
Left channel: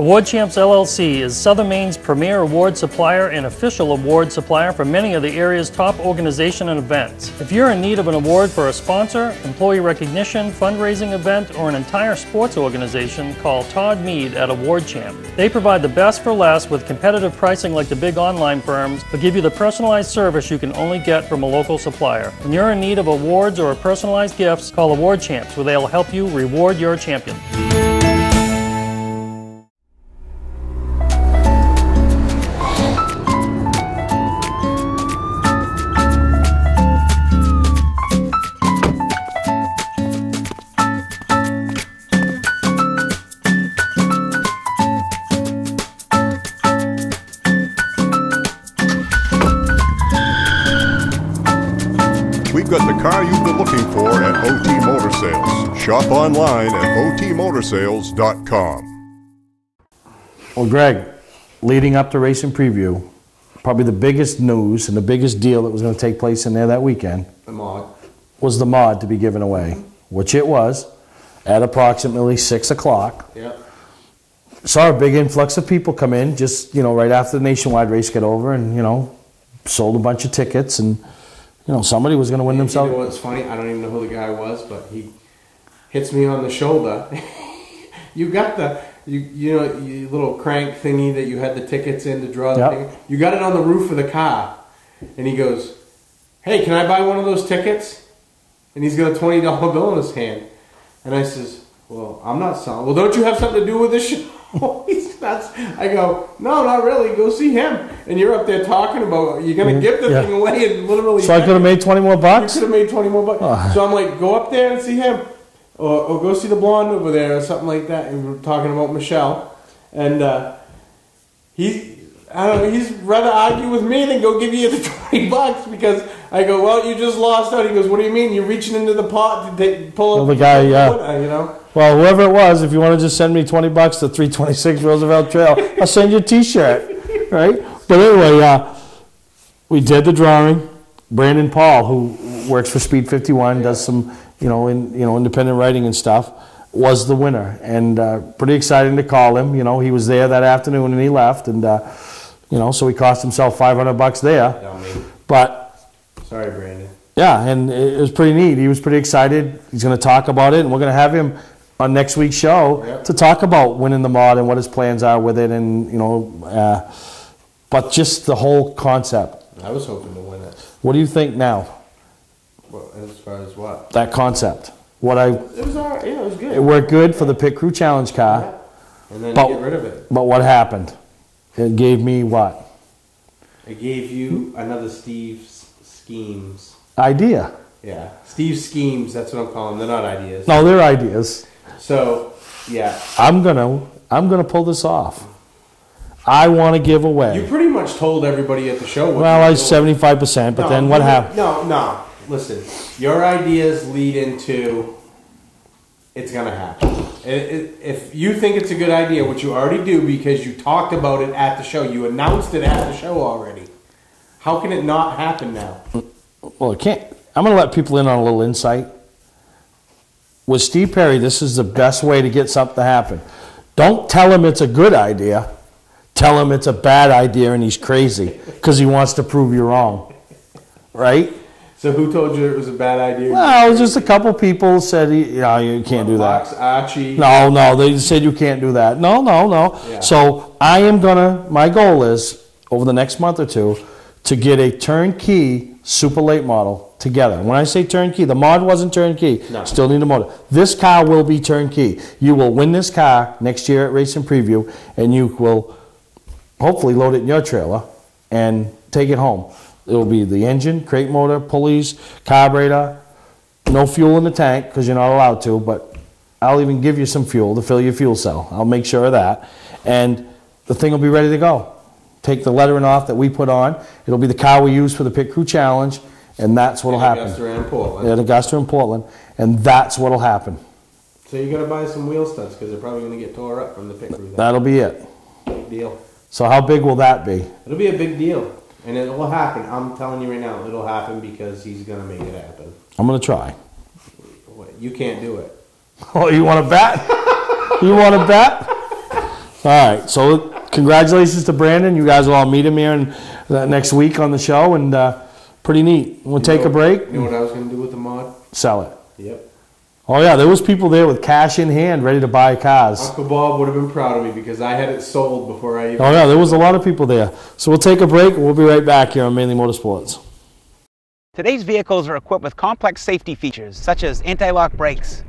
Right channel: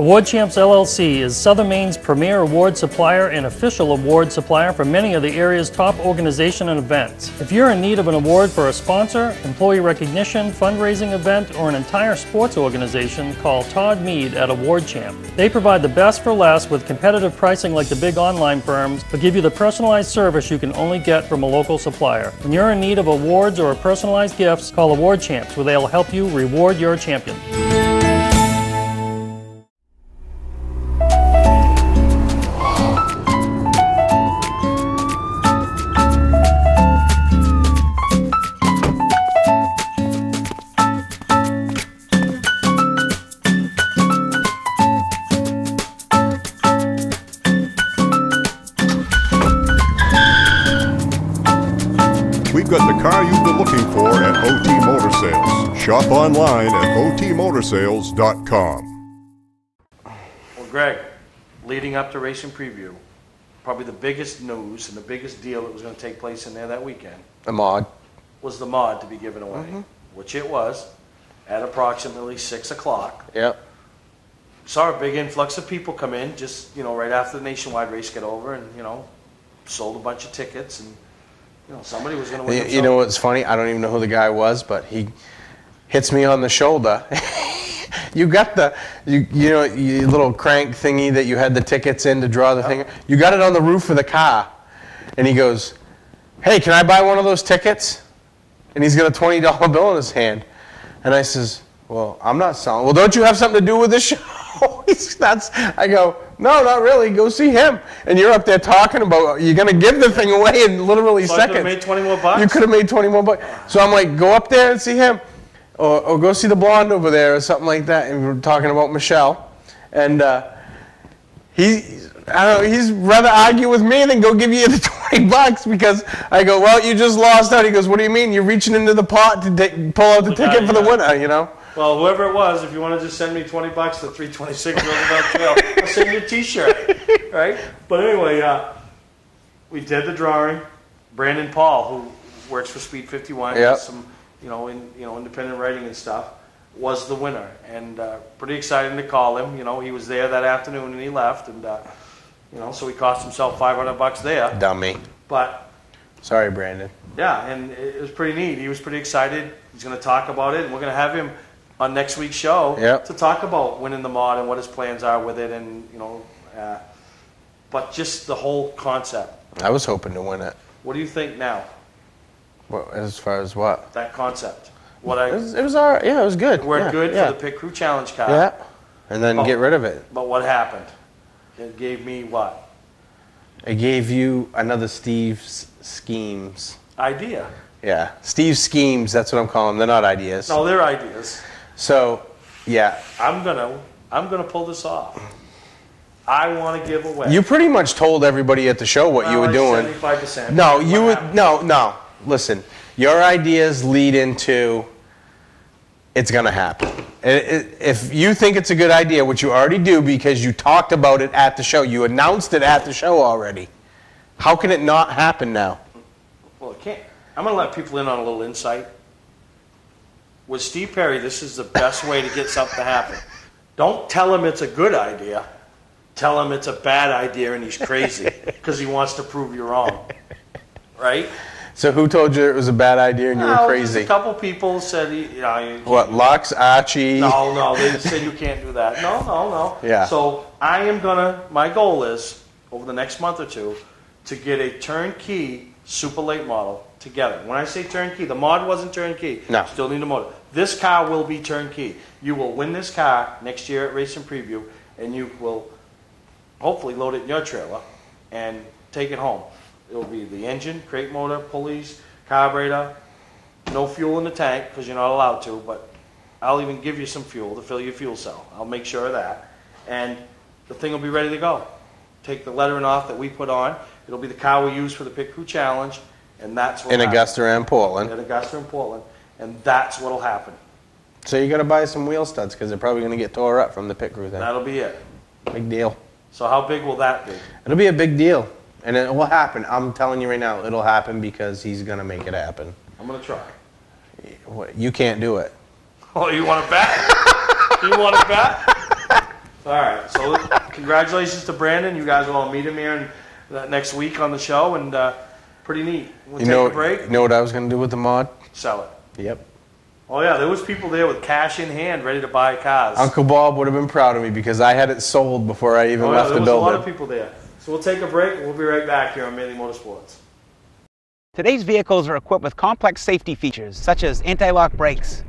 Award Champs LLC is Southern Maine's premier award supplier and official award supplier for many of the area's top organization and events. If you're in need of an award for a sponsor, employee recognition, fundraising event, or an entire sports organization, call Todd Mead at Award Champ. They provide the best for less with competitive pricing like the big online firms, but give you the personalized service you can only get from a local supplier. When you're in need of awards or personalized gifts, call Award Champs, where they'll help you reward your champion. We've got the car you've been looking for at OT Motor Sales. Shop online at otmotorsales.com. Well, Greg, leading up to Racing Preview, probably the biggest news and the biggest deal that was going to take place in there that weekend was the mod to be given away, which it was at approximately 6 o'clock. Yep. Saw a big influx of people come in just, right after the nationwide race got over, and, sold a bunch of tickets, and somebody was going to win themselves. You know what's funny? I don't even know who the guy was, but he hits me on the shoulder. You got your little crank thingy that you had the tickets in to draw the thing. You got it on the roof of the car. And he goes, "Hey, can I buy one of those tickets?" And he's got a $20 bill in his hand. And I says, "Well, I'm not selling." "Well, don't you have something to do with this show?" I go, "No, not really. Go see him." And you're up there talking about you're going to give the thing away in literally seconds. So I could have made 20 more bucks? You could have made 20 more bucks. So I'm like, go up there and see him. Or go see the blonde over there or something like that. And we were talking about Michelle. And he's rather argue with me than go give you the 20 bucks because I go, "Well, you just lost out." He goes, "What do you mean? You're reaching into the pot to pull out the ticket for the winner, Well, whoever it was, if you want to just send me 20 bucks to 326 Roosevelt Trail, I'll send you a T-shirt, right? But anyway, we did the drawing. Brandon Paul, who works for Speed 51, does some, independent writing and stuff, was the winner, and pretty exciting to call him. He was there that afternoon and he left, and so he cost himself $500 there. Dummy. But sorry, Brandon. Yeah, and it was pretty neat. He was pretty excited. He's going to talk about it, and we're going to have him on next week's show to talk about winning the mod and what his plans are with it, and but just the whole concept. I was hoping to win it. What do you think now? Well, as far as what? That concept. It was all right. Yeah, it was good. It worked good for the Pit Crew Challenge car. Yeah, and then get rid of it. But what happened? It gave me what? It gave you another Steve's schemes. Idea. Yeah, Steve's schemes. That's what I'm calling them. They're not ideas. No, they're ideas. So, yeah. I'm gonna pull this off. I want to give away. You pretty much told everybody at the show what you were doing. 75%. No. Listen, your ideas lead into it's going to happen. If you think it's a good idea, which you already do because you talked about it at the show, you announced it at the show already. How can it not happen now? Well, it can't. I'm going to let people in on a little insight. With Steve Perry, this is the best way to get something to happen. Don't tell him it's a good idea. Tell him it's a bad idea and he's crazy because he wants to prove you wrong. Right? So who told you it was a bad idea? Well, just a couple people said, you can't do Lux, that. Archie? No, they said you can't do that. No. Yeah. So my goal is, over the next month or two, to get a turnkey super late model together. And when I say turnkey, the mod wasn't turnkey. No. Still need a motor. This car will be turnkey. You will win this car next year at Racing Preview, and you will hopefully load it in your trailer and take it home. It will be the engine, crate motor, pulleys, carburetor, no fuel in the tank because you're not allowed to, but I'll even give you some fuel to fill your fuel cell. I'll make sure of that. And the thing will be ready to go. Take the lettering off that we put on. It'll be the car we use for the Pit Crew Challenge, and that's what will happen. In Augusta and Portland. In Augusta and Portland, and that's what will happen. So you got to buy some wheel studs because they're probably going to get tore up from the Pit Crew thing. That'll be it. Big deal. So how big will that be? It'll be a big deal. And it will happen. I'm telling you right now, it'll happen because he's going to make it happen. I'm going to try. You can't do it. Oh, you want to bet? You want to bet? All right, so congratulations to Brandon. You guys will all meet him here next week on the show, and pretty neat. We'll take a break. You know what I was going to do with the mod? Sell it. Yep. Oh, yeah, there was people there with cash in hand ready to buy cars. Uncle Bob would have been proud of me because I had it sold before I even Oh, yeah, there was a lot of people there. So we'll take a break, and we'll be right back here on Mainely Motorsports. Today's vehicles are equipped with complex safety features such as anti-lock brakes,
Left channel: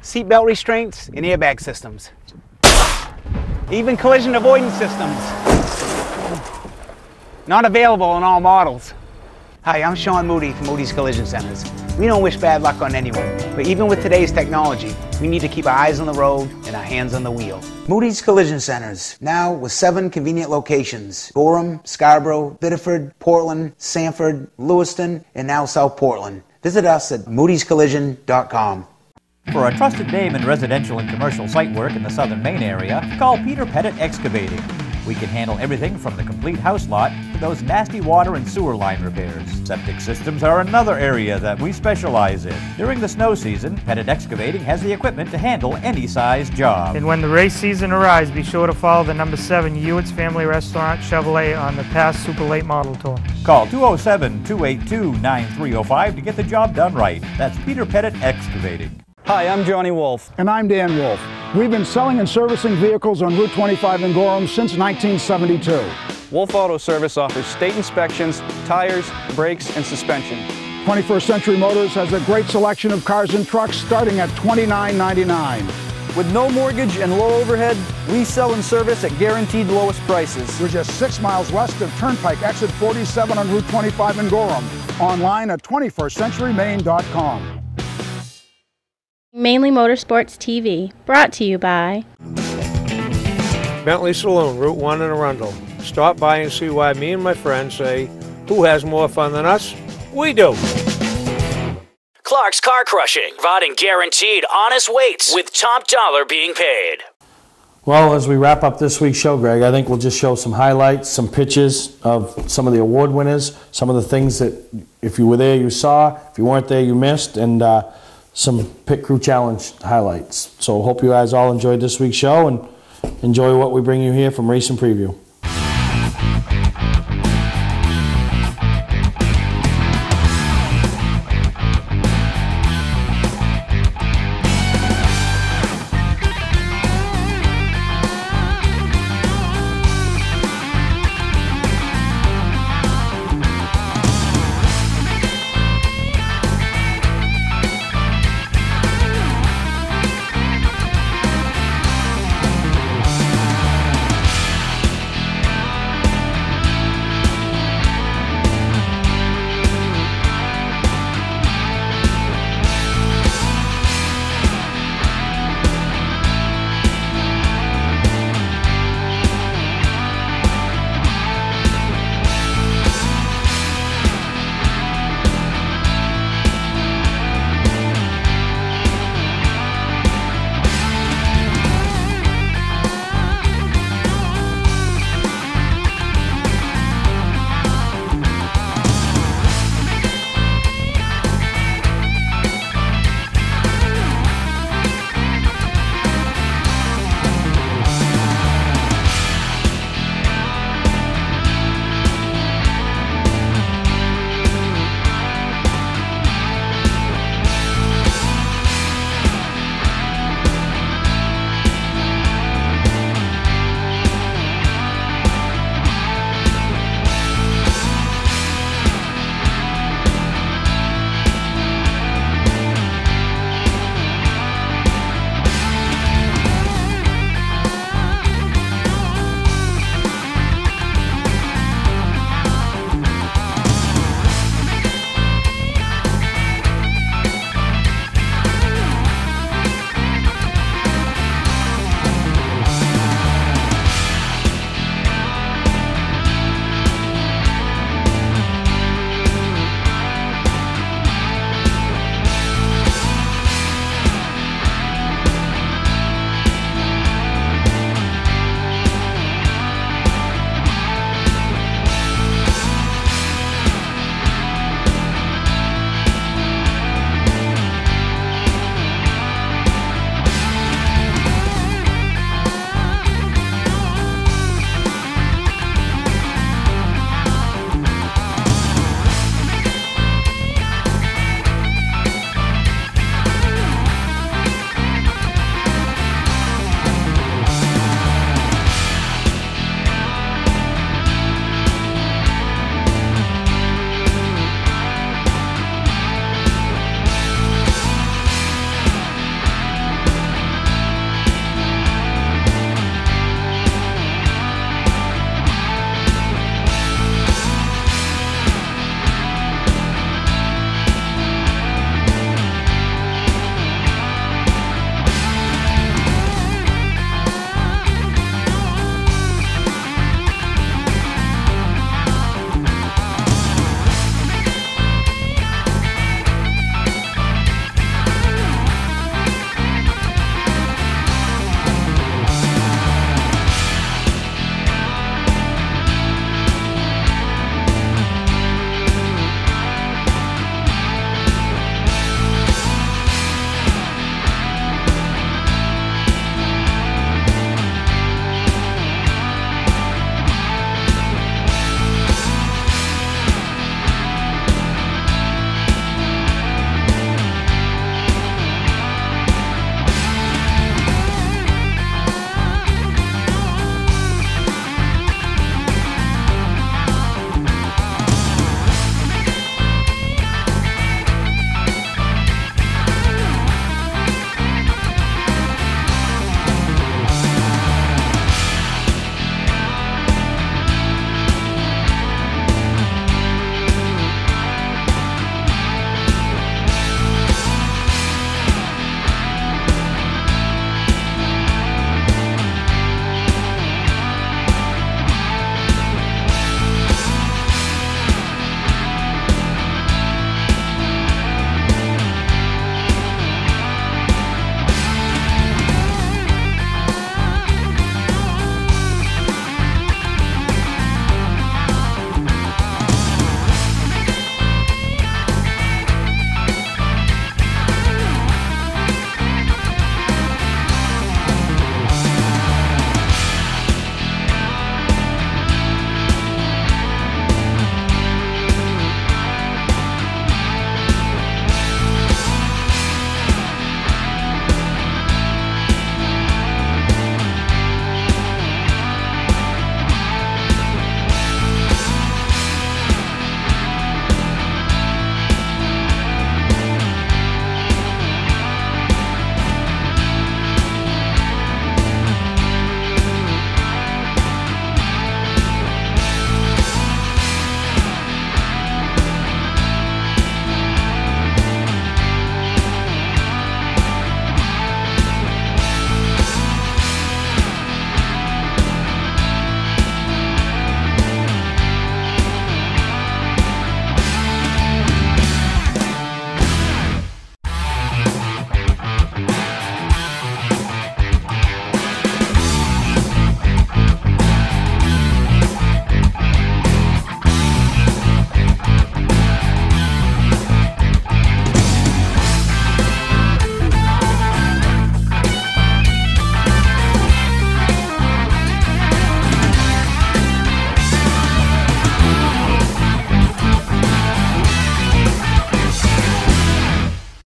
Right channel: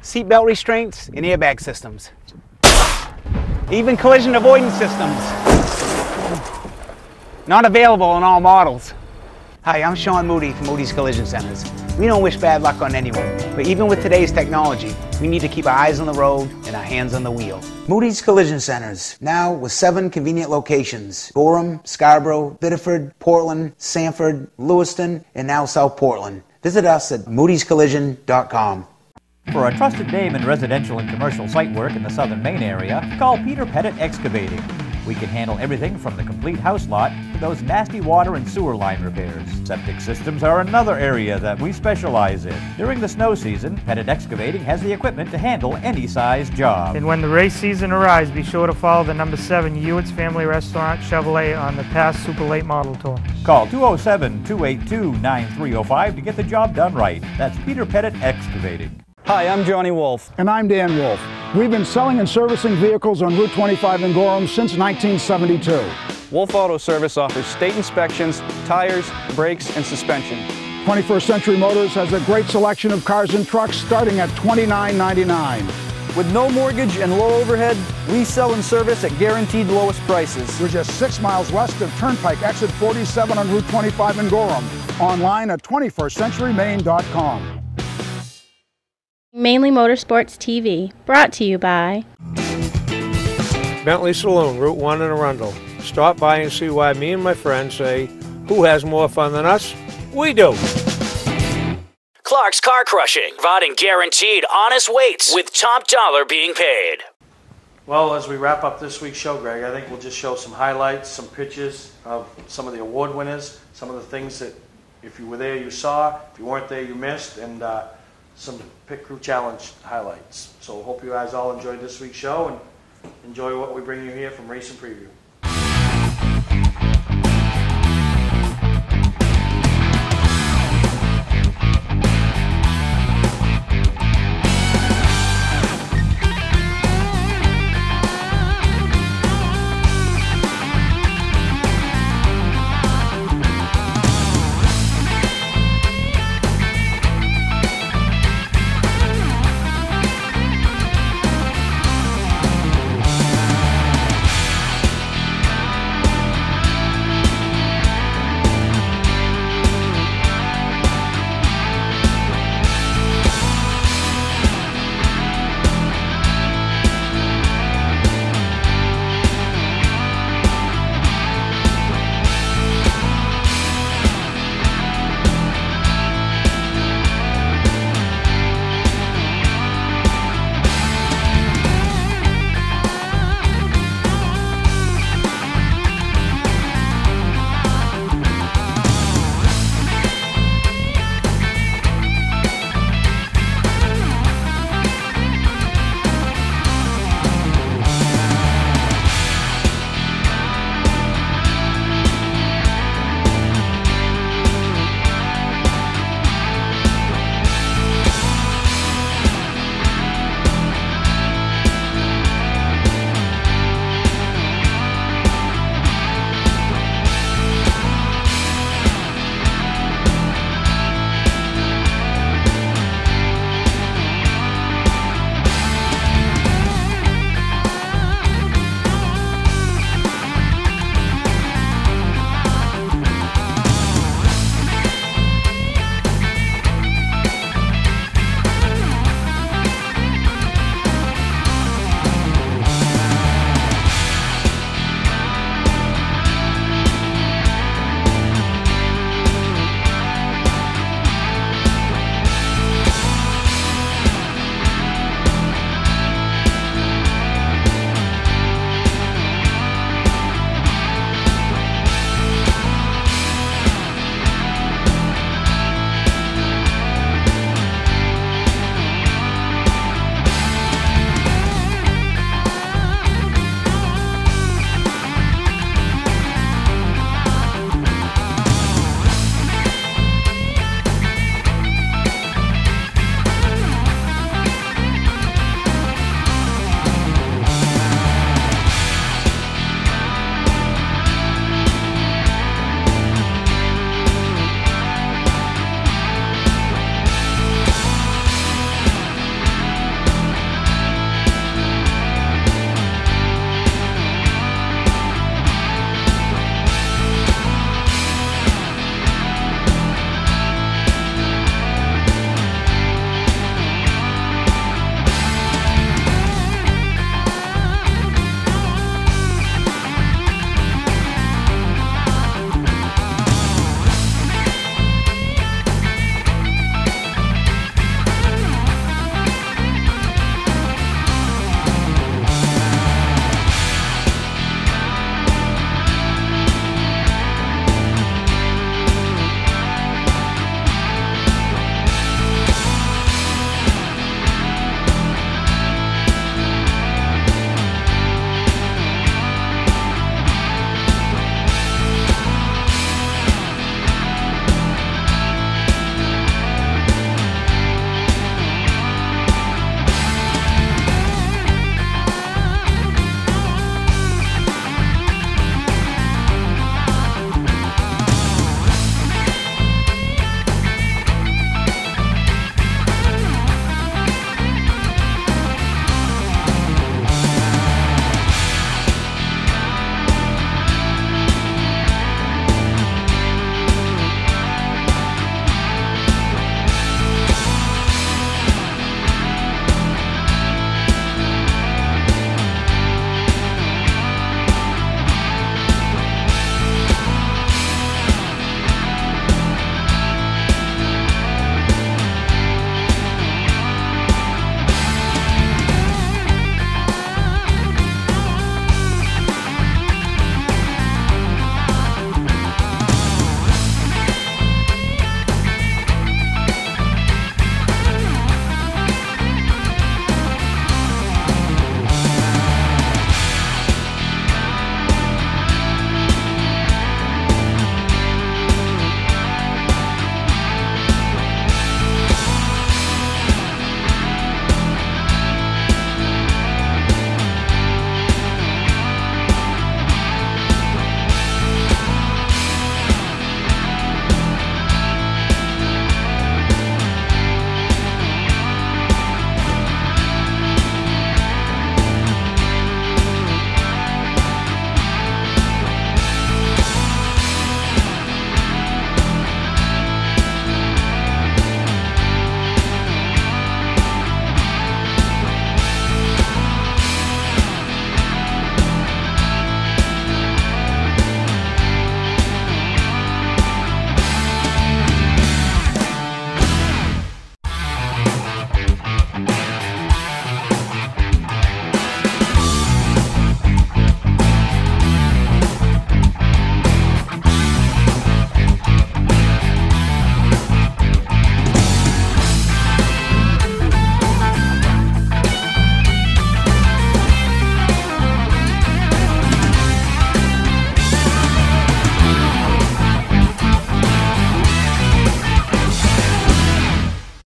seatbelt restraints, and airbag systems. Even collision avoidance systems. Not available in all models. Hi, I'm Sean Moody from Moody's Collision Centers. We don't wish bad luck on anyone, but even with today's technology, we need to keep our eyes on the road and our hands on the wheel. Moody's Collision Centers, now with 7 convenient locations: Gorham, Scarborough, Biddeford, Portland, Sanford, Lewiston, and now South Portland. Visit us at moodyscollision.com. For a trusted name in residential and commercial site work in the southern Maine area, call Peter Pettit Excavating. We can handle everything from the complete house lot to those nasty water and sewer line repairs. Septic systems are another area that we specialize in. During the snow season, Pettit Excavating has the equipment to handle any size job. And when the race season arrives, be sure to follow the number 7 Hewitt's Family Restaurant Chevrolet on the past Super Late Model Tour. Call 207-282-9305 to get the job done right. That's Peter Pettit Excavating. Hi, I'm Johnny Wolf. And I'm Dan Wolf. We've been selling and servicing vehicles on Route 25 in Gorham since 1972. Wolf Auto Service offers state inspections, tires, brakes, and suspension. 21st Century Motors has a great selection of cars and trucks starting at $29.99. With no mortgage and low overhead, we sell and service at guaranteed lowest prices. We're just 6 miles west of Turnpike, exit 47 on Route 25 in Gorham. Online at 21stcenturymaine.com. Mainely Motorsports TV, brought to you by Bentley Saloon, Route 1 in Arundel. Stop by and see why me and my friends say, who has more fun than us? We do. Clark's Car Crushing, providing guaranteed honest weights with top dollar being paid. Well, as we wrap up this week's show, Greg, I think we'll just show some highlights, some pictures of some of the award winners, some of the things that if you were there you saw, if you weren't there you missed, and some Pit Crew Challenge highlights. So hope you guys all enjoyed this week's show and enjoy what we bring you here from Race and Preview.